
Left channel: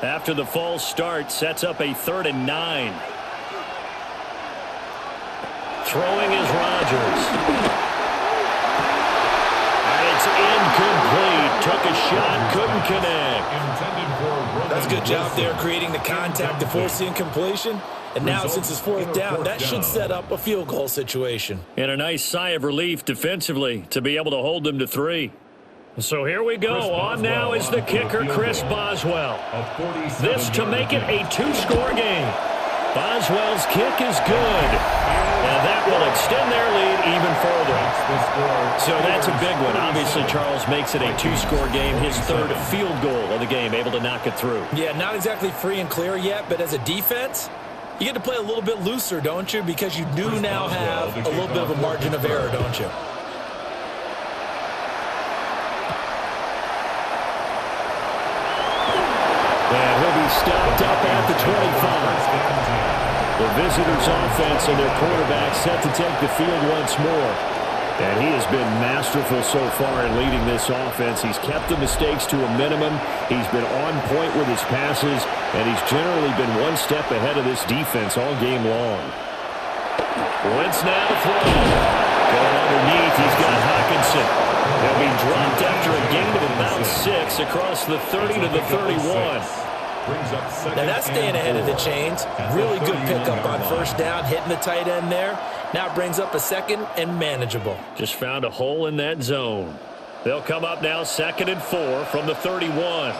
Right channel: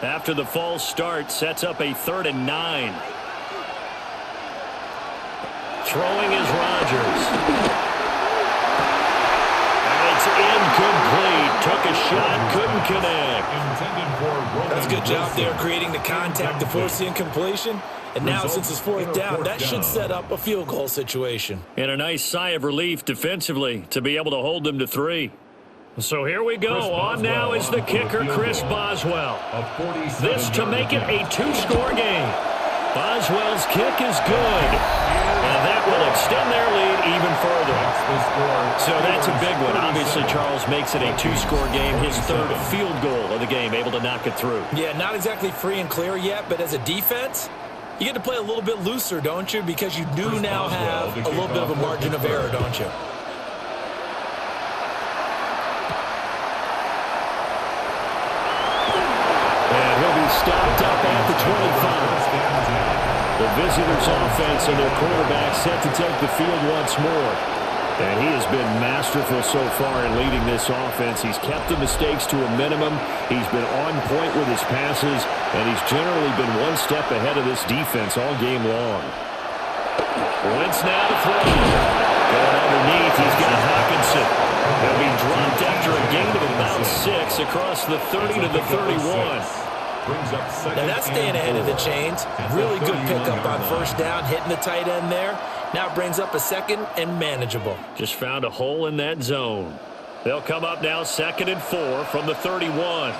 After the false start, sets up a 3rd and 9. Throwing is Rodgers. And it's incomplete. Took a shot, couldn't connect. That's a good job there creating the contact to force the incompletion. And now since it's 4th down, that should set up a field goal situation. And a nice sigh of relief defensively to be able to hold them to 3. So here we go. On now is the kicker, Chris Boswell. This to make it a 2-score game. Boswell's kick is good. And that will extend their lead even further. So that's a big one. Obviously, Charles makes it a 2-score game. His 3rd field goal of the game, able to knock it through. Yeah, not exactly free and clear yet, but as a defense, you get to play a little bit looser, don't you? Because you do now have a little bit of a margin of error, don't you? And he'll be stopped up at the 25. The visitors' offense and their quarterback set to take the field once more. And he has been masterful so far in leading this offense. He's kept the mistakes to a minimum. He's been on point with his passes, and he's generally been one step ahead of this defense all game long. Wentz now to throw. Going underneath, he's got Hockenson. He'll be dropped after a gain of about 6 across the 30 to the 31. Now that's staying ahead of the chains. Really good pickup on 1st down, hitting the tight end there. Now it brings up a 2nd and manageable. Just found a hole in that zone. They'll come up now 2nd and 4 from the 31.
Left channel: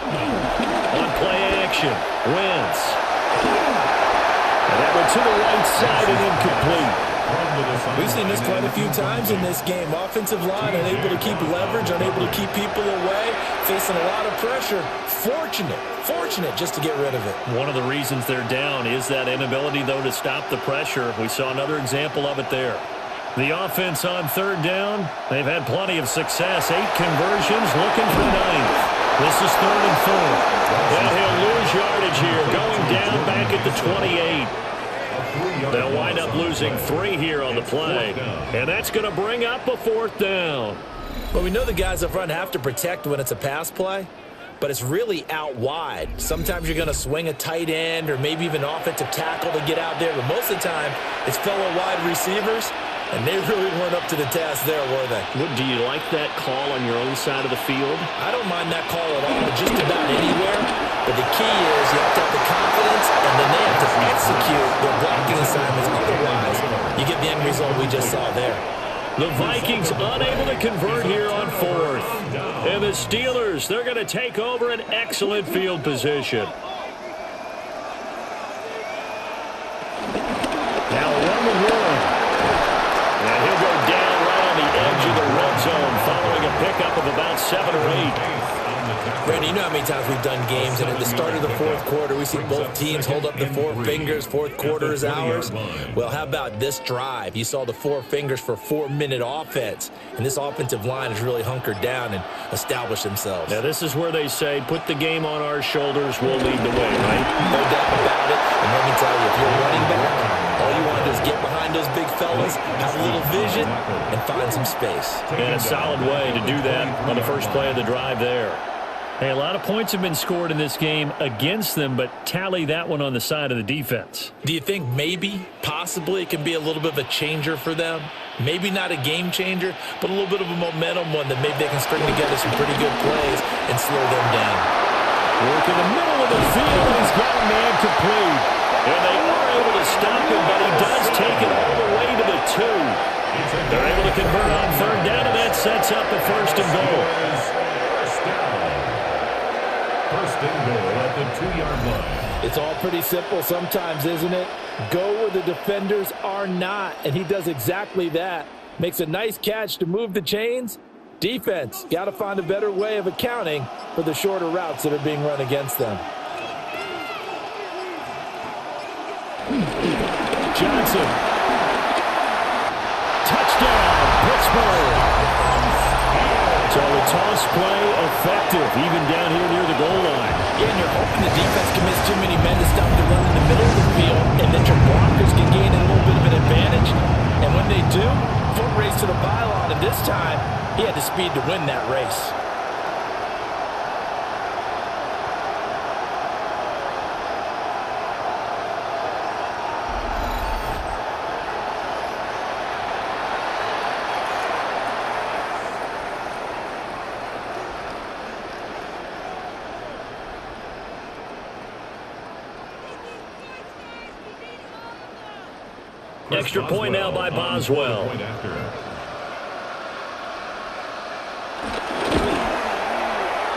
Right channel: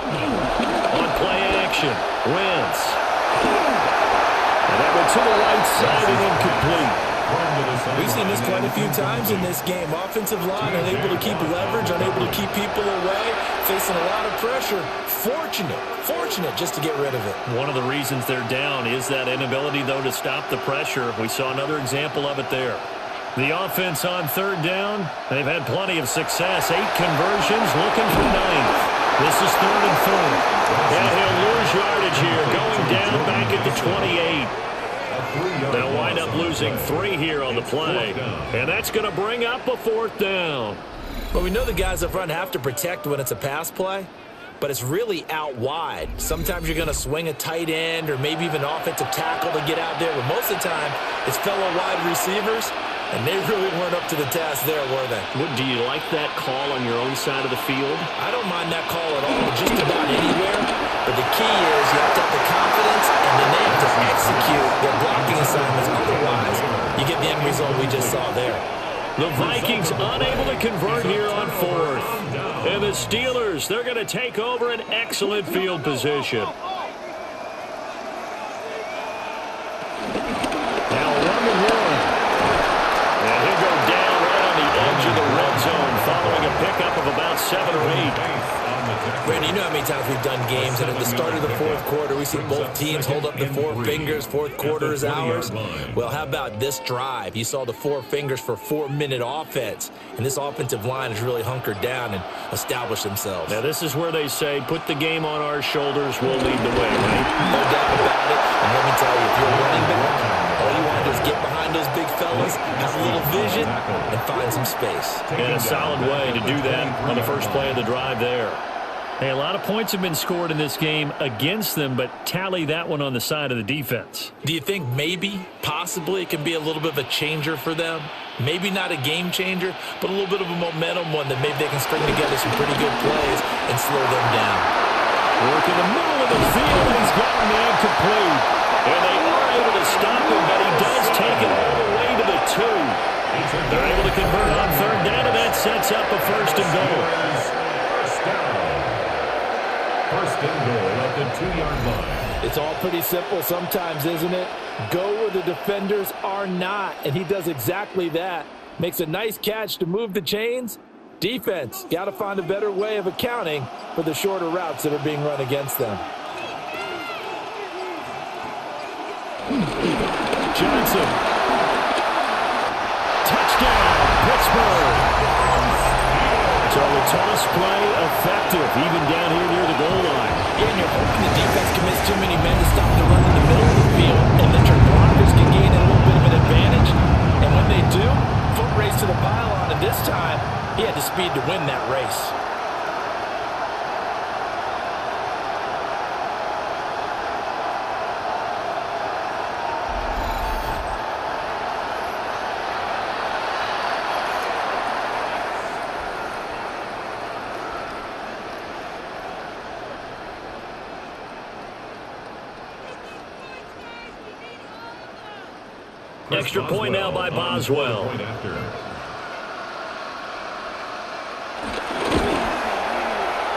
On play action, Wentz. And that went to the right side and incomplete. We've seen this quite a few times in this game. Offensive line unable to keep leverage, unable to keep people away, facing a lot of pressure. Fortunate just to get rid of it. One of the reasons they're down is that inability, though, to stop the pressure. We saw another example of it there. The offense on 3rd down, they've had plenty of success. 8 conversions, looking for 9th. This is 3rd and 4. And he'll lose yardage here, going down back at the 28. They'll wind up losing 3 here on the play. And that's going to bring up a 4th down. Well, we know the guys up front have to protect when it's a pass play, but it's really out wide. Sometimes you're going to swing a tight end or maybe even offensive tackle to get out there, but most of the time it's fellow wide receivers, and they really weren't up to the task there, were they? Do you like that call on your own side of the field? I don't mind that call at all, just about anywhere, but the key is you have to have the confidence, and then they have to execute their blocking assignments. Otherwise, you get the end result we just saw there. The Vikings unable to convert here on 4th. And the Steelers, they're going to take over an excellent field position. Now a run to Warren. And he'll go down right on the edge of the red zone following a pickup of about 7 or 8. Randy, you know how many times we've done games, and at the start of the 4th quarter, we see both teams hold up the 4 fingers, 4th quarter is ours. Well, how about this drive? You saw the 4 fingers for 4-minute offense, and this offensive line has really hunkered down and established themselves. Now, this is where they say, put the game on our shoulders, we'll lead the way, right? No doubt about it, and let me tell you, if you're a running back, all you want to do is get behind those big fellas, have a little vision, and find some space. And a solid way to do that on the first play of the drive there. Hey, a lot of points have been scored in this game against them, but tally that one on the side of the defense. Do you think maybe, possibly, it can be a little bit of a changer for them? Maybe not a game changer, but a little bit of a momentum one that maybe they can string together some pretty good plays and slow them down. Work in the middle of the field, and he's got a man complete. And they are able to stop him, but he does take it all the way to the 2. They're able to convert on 3rd down, and that sets up a 1st and goal. First down. 1st and goal at the 2-yard line. It's all pretty simple sometimes, isn't it? Go where the defenders are not, and he does exactly that. Makes a nice catch to move the chains. Defense, got to find a better way of accounting for the shorter routes that are being run against them. Johnson. Touchdown, Pittsburgh. So a toss play effective, even down here near the goal line. Yeah, and you're hoping the defense commits too many men to stop the run in the middle of the field, and that your blockers can gain a little bit of an advantage. And when they do, foot race to the pylon, and this time, he had the speed to win that race. Extra point now by Boswell.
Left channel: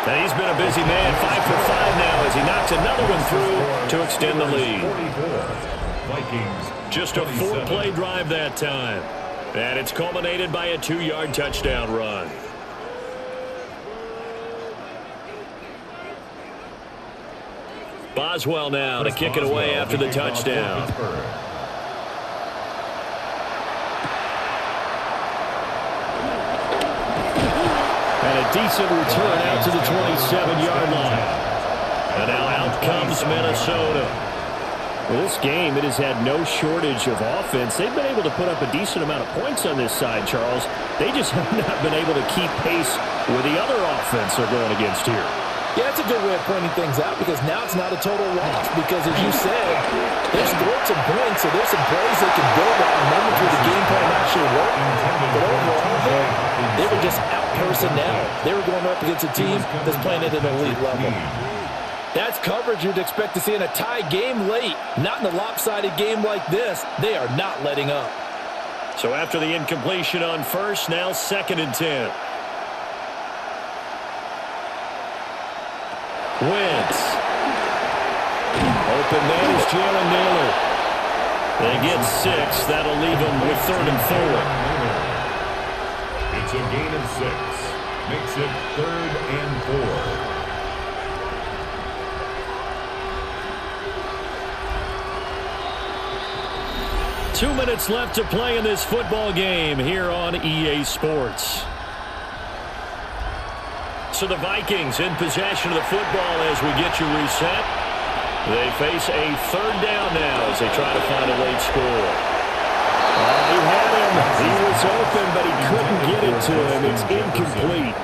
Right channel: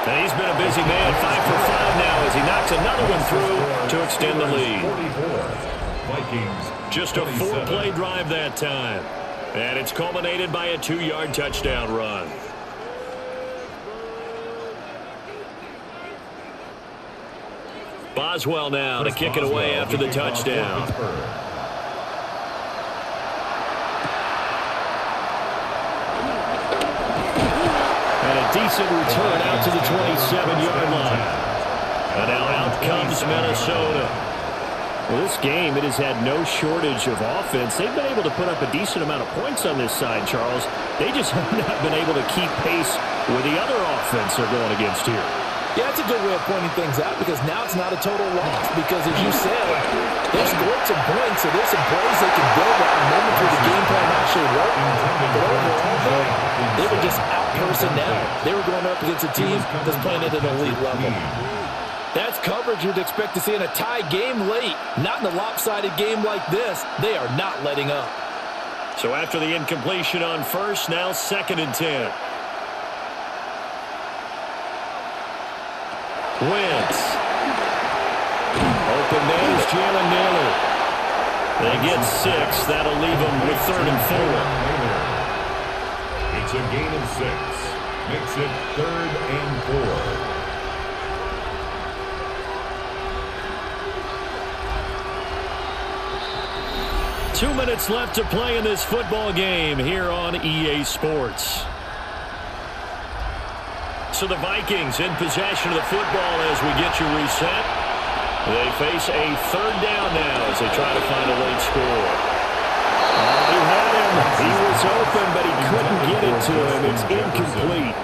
And he's been a busy man, 5 for 5 now as he knocks another one through to extend the lead. Just a 4-play drive that time. And it's culminated by a 2-yard touchdown run. Boswell now to kick it away after the touchdown. And a decent return out to the 27-yard line. And now out comes Minnesota. Well, this game, it has had no shortage of offense. They've been able to put up a decent amount of points on this side, Charles. They just have not been able to keep pace with the other offense they're going against here. Yeah, that's a good way of pointing things out because now it's not a total loss because, as you said, they've scored some points, so there's some plays they can build on, moments where the game plan actually worked. But overall, though, they were just out personnel. They were going up against a team that's playing at an elite level. That's coverage you'd expect to see in a tie game late. Not in a lopsided game like this. They are not letting up. So after the incompletion on first, now 2nd and 10. Wentz. Open man is Jalen Naylor. They get 6. That'll leave them with 3rd and 4. It's a gain of 6. Makes it 3rd and 4. Two minutes left to play in this football game here on EA Sports. So the Vikings in possession of the football as we get you reset. They face a third down now as they try to find a late score. He had him. He was open, but he couldn't get it to him. It's incomplete.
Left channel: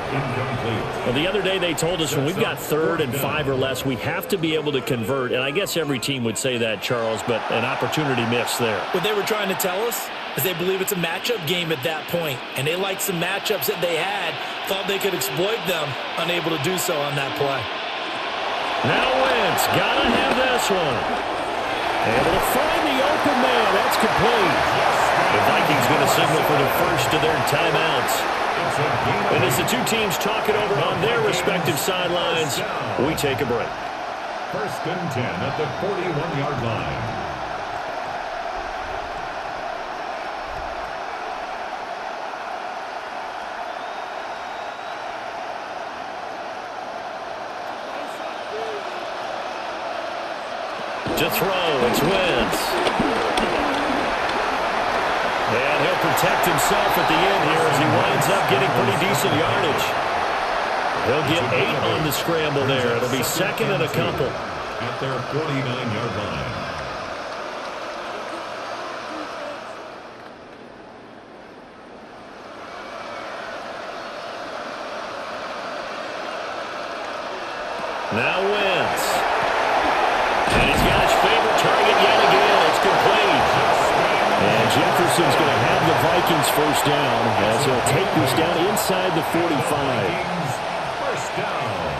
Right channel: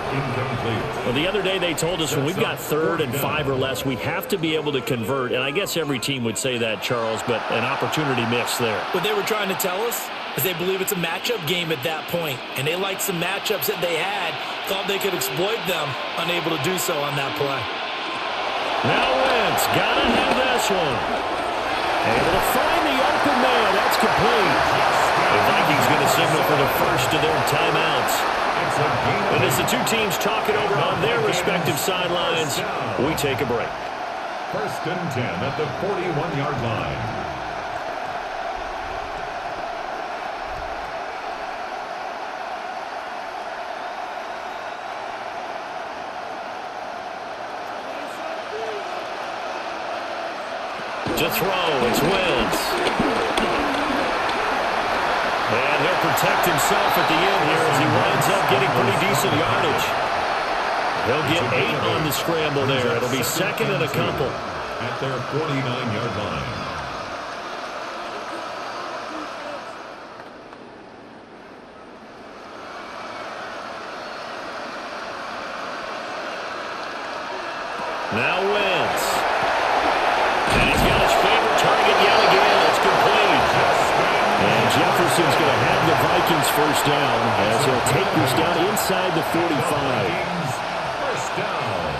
Well, the other day they told us when we've got 3rd and 5 or less, we have to be able to convert. And I guess every team would say that, Charles, but an opportunity missed there. What they were trying to tell us is they believe it's a matchup game at that point, and they liked some matchups that they had, thought they could exploit them, unable to do so on that play. Now Wentz, gotta have this one. Able to find the open man. That's complete. The Vikings going to signal for the first of their timeouts. And as the two teams talk it over on their respective sidelines, we take a break. 1st and 10 at the 41-yard line. To throw, it's Wentz. And he'll protect himself at the end here as he winds up getting pretty decent yardage. He'll get 8 on the scramble there. It'll be 2nd and a couple. At their 49-yard line. Now Wentz. And he's got his favorite target yet again. It's complete. And Jefferson's going to have the Vikings first down as he'll take this down inside the 45. First down.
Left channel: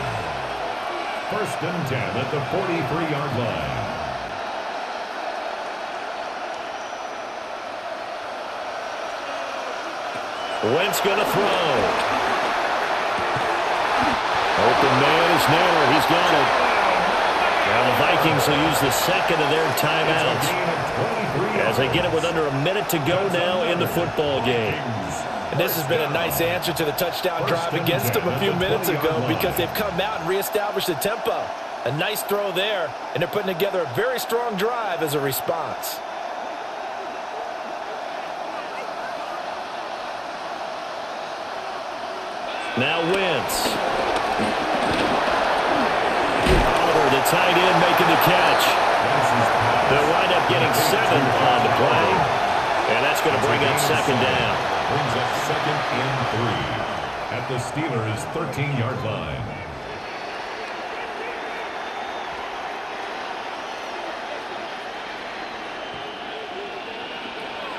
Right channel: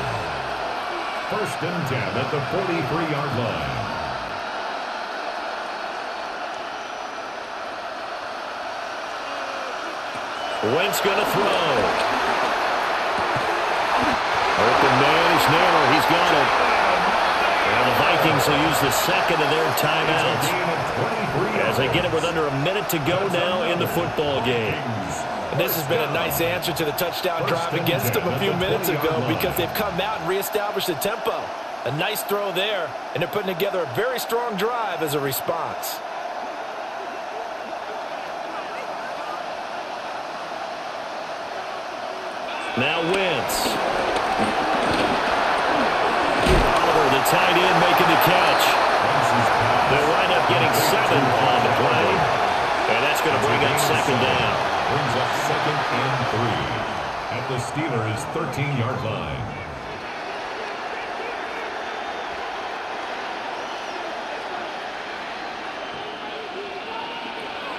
1st and 10 at the 43-yard line. Wentz going to throw. Open man is Naylor. He's got it. Now the Vikings will use the 2nd of their timeouts as they get it with under a minute to go now in the football game. And this has been a nice answer to the touchdown drive against them a few minutes ago because they've come out and reestablished the tempo. A nice throw there, and they're putting together a very strong drive as a response. Now Wentz. The tight end making the catch. They'll wind up getting 7 on the play. And that's going to bring up 2nd down. Brings up 2nd and 3 at the Steelers' 13-yard line.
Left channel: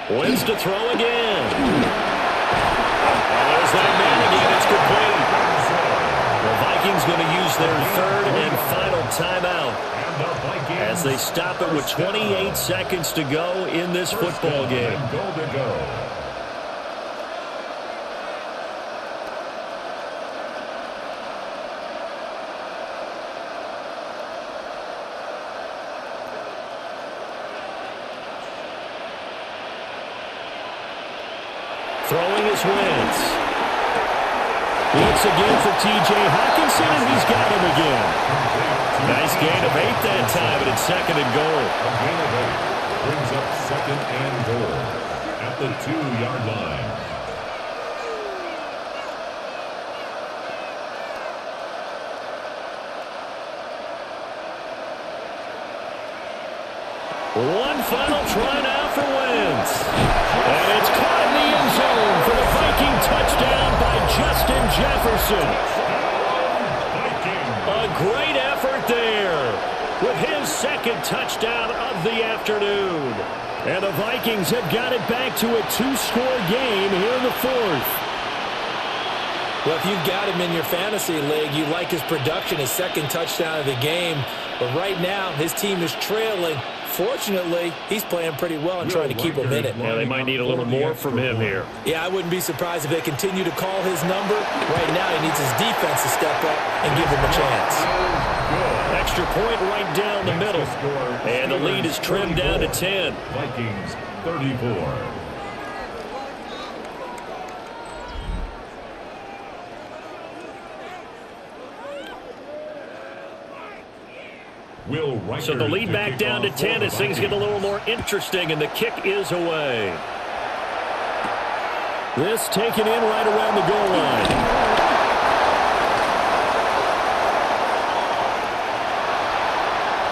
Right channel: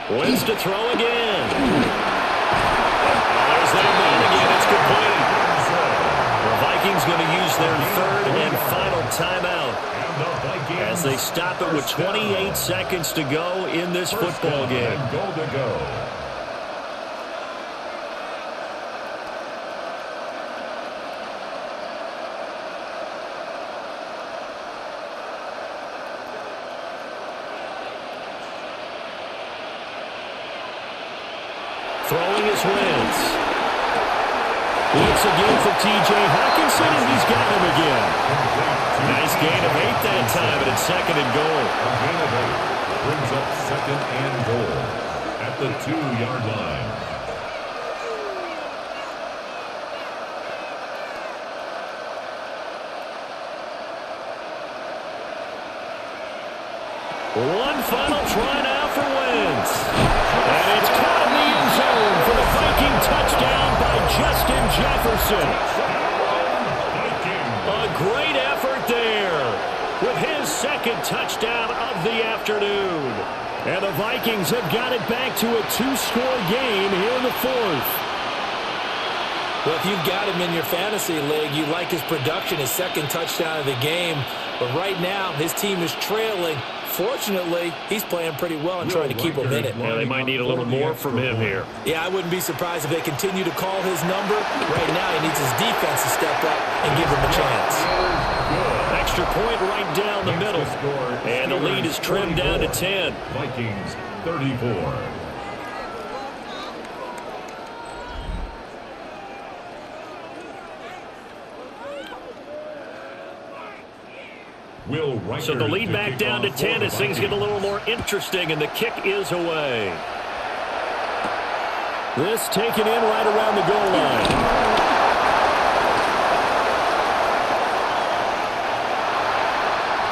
Wentz to throw again. Oh, there's that man again. It's complete. The Vikings going to use their 3rd and final timeout as they stop it with 28 seconds to go in this football game. Goal to go. Throwing is Wentz. Looks again for T.J. Hockenson, and he's got him again. Nice gain of 8 that time, but it's 2nd and goal. A gain of 8 brings up 2nd and goal at the 2-yard line. One final try now for Wentz. And it's caught in the end zone for the Viking touchdown by Justin Jefferson. A great effort there with his 2nd touchdown of the afternoon. And the Vikings have got it back to a 2-score game here in the 4th. Well, if you've got him in your fantasy league, you like his production, his 2nd touchdown of the game. But right now, his team is trailing. Fortunately, he's playing pretty well and trying to keep him in it. Yeah, they might need a little more from him here. Yeah, I wouldn't be surprised if they continue to call his number. Right now, he needs his defense to step up and give him a chance. Extra point right down the middle. And the lead is trimmed down to 10. Vikings 34. So the lead back down to 10 as things get a little more interesting, and the kick is away. This taken in right around the goal line.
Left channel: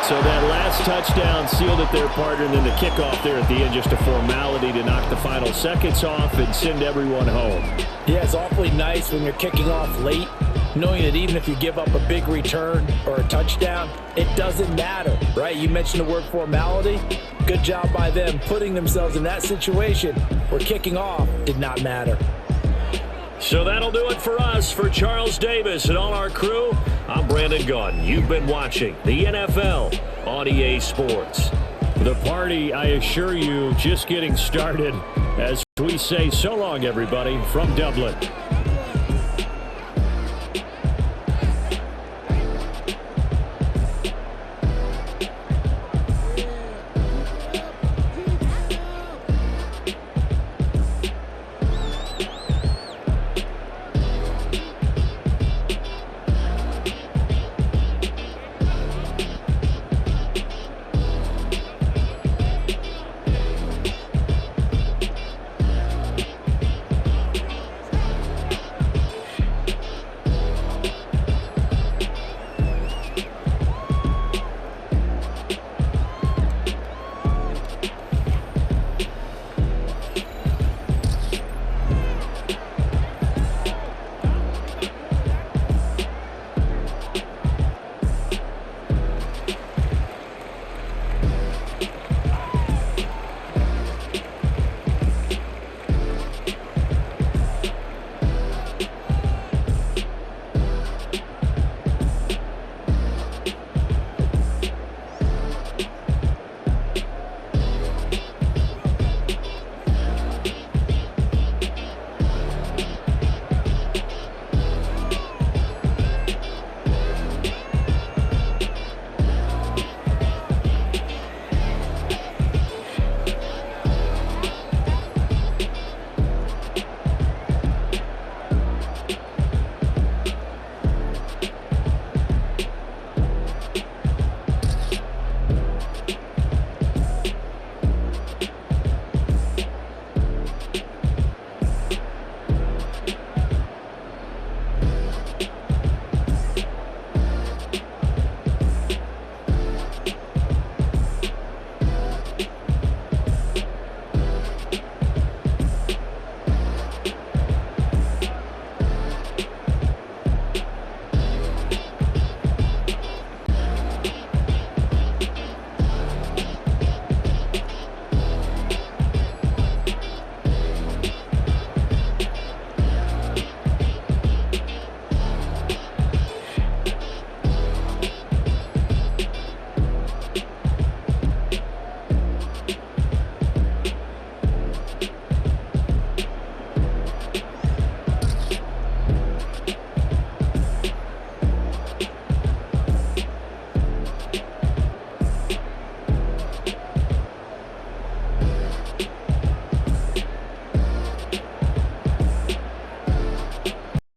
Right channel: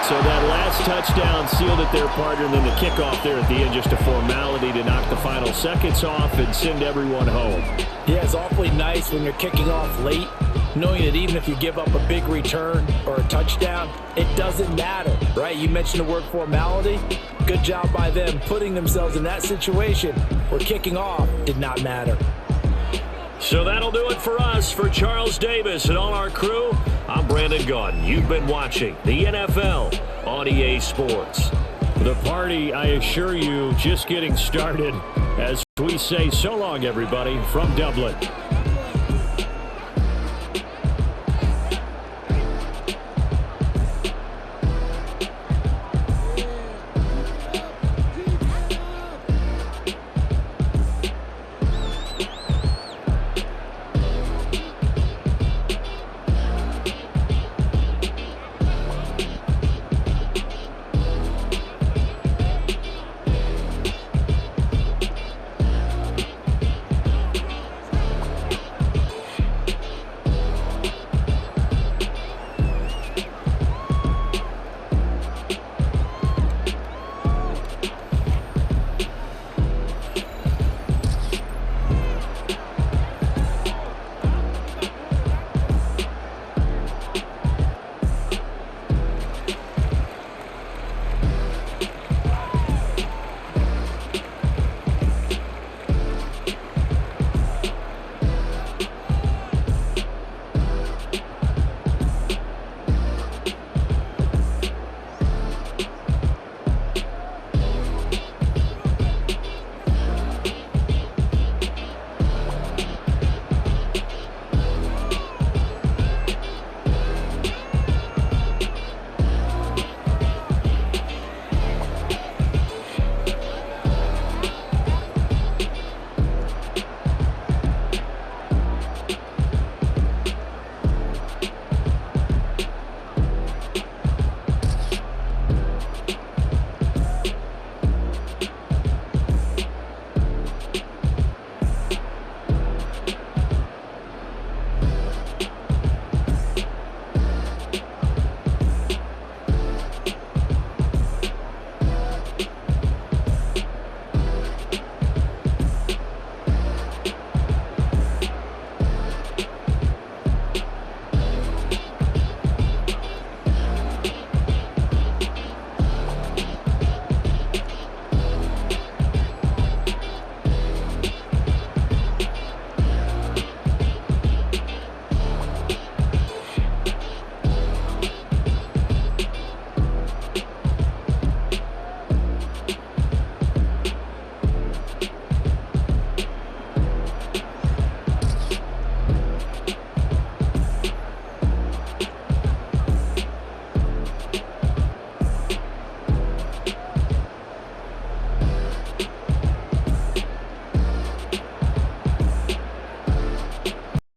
So that last touchdown sealed it their partner, and then the kickoff there at the end, just a formality to knock the final seconds off and send everyone home. Yeah, it's awfully nice when you're kicking off late, knowing that even if you give up a big return or a touchdown, it doesn't matter, right? You mentioned the word formality. Good job by them putting themselves in that situation where kicking off did not matter. So that'll do it for us. For Charles Davis and all our crew, I'm Brandon Gaudin. You've been watching the NFL on EA Sports. The party, I assure you, just getting started. As we say so long, everybody, from Dublin.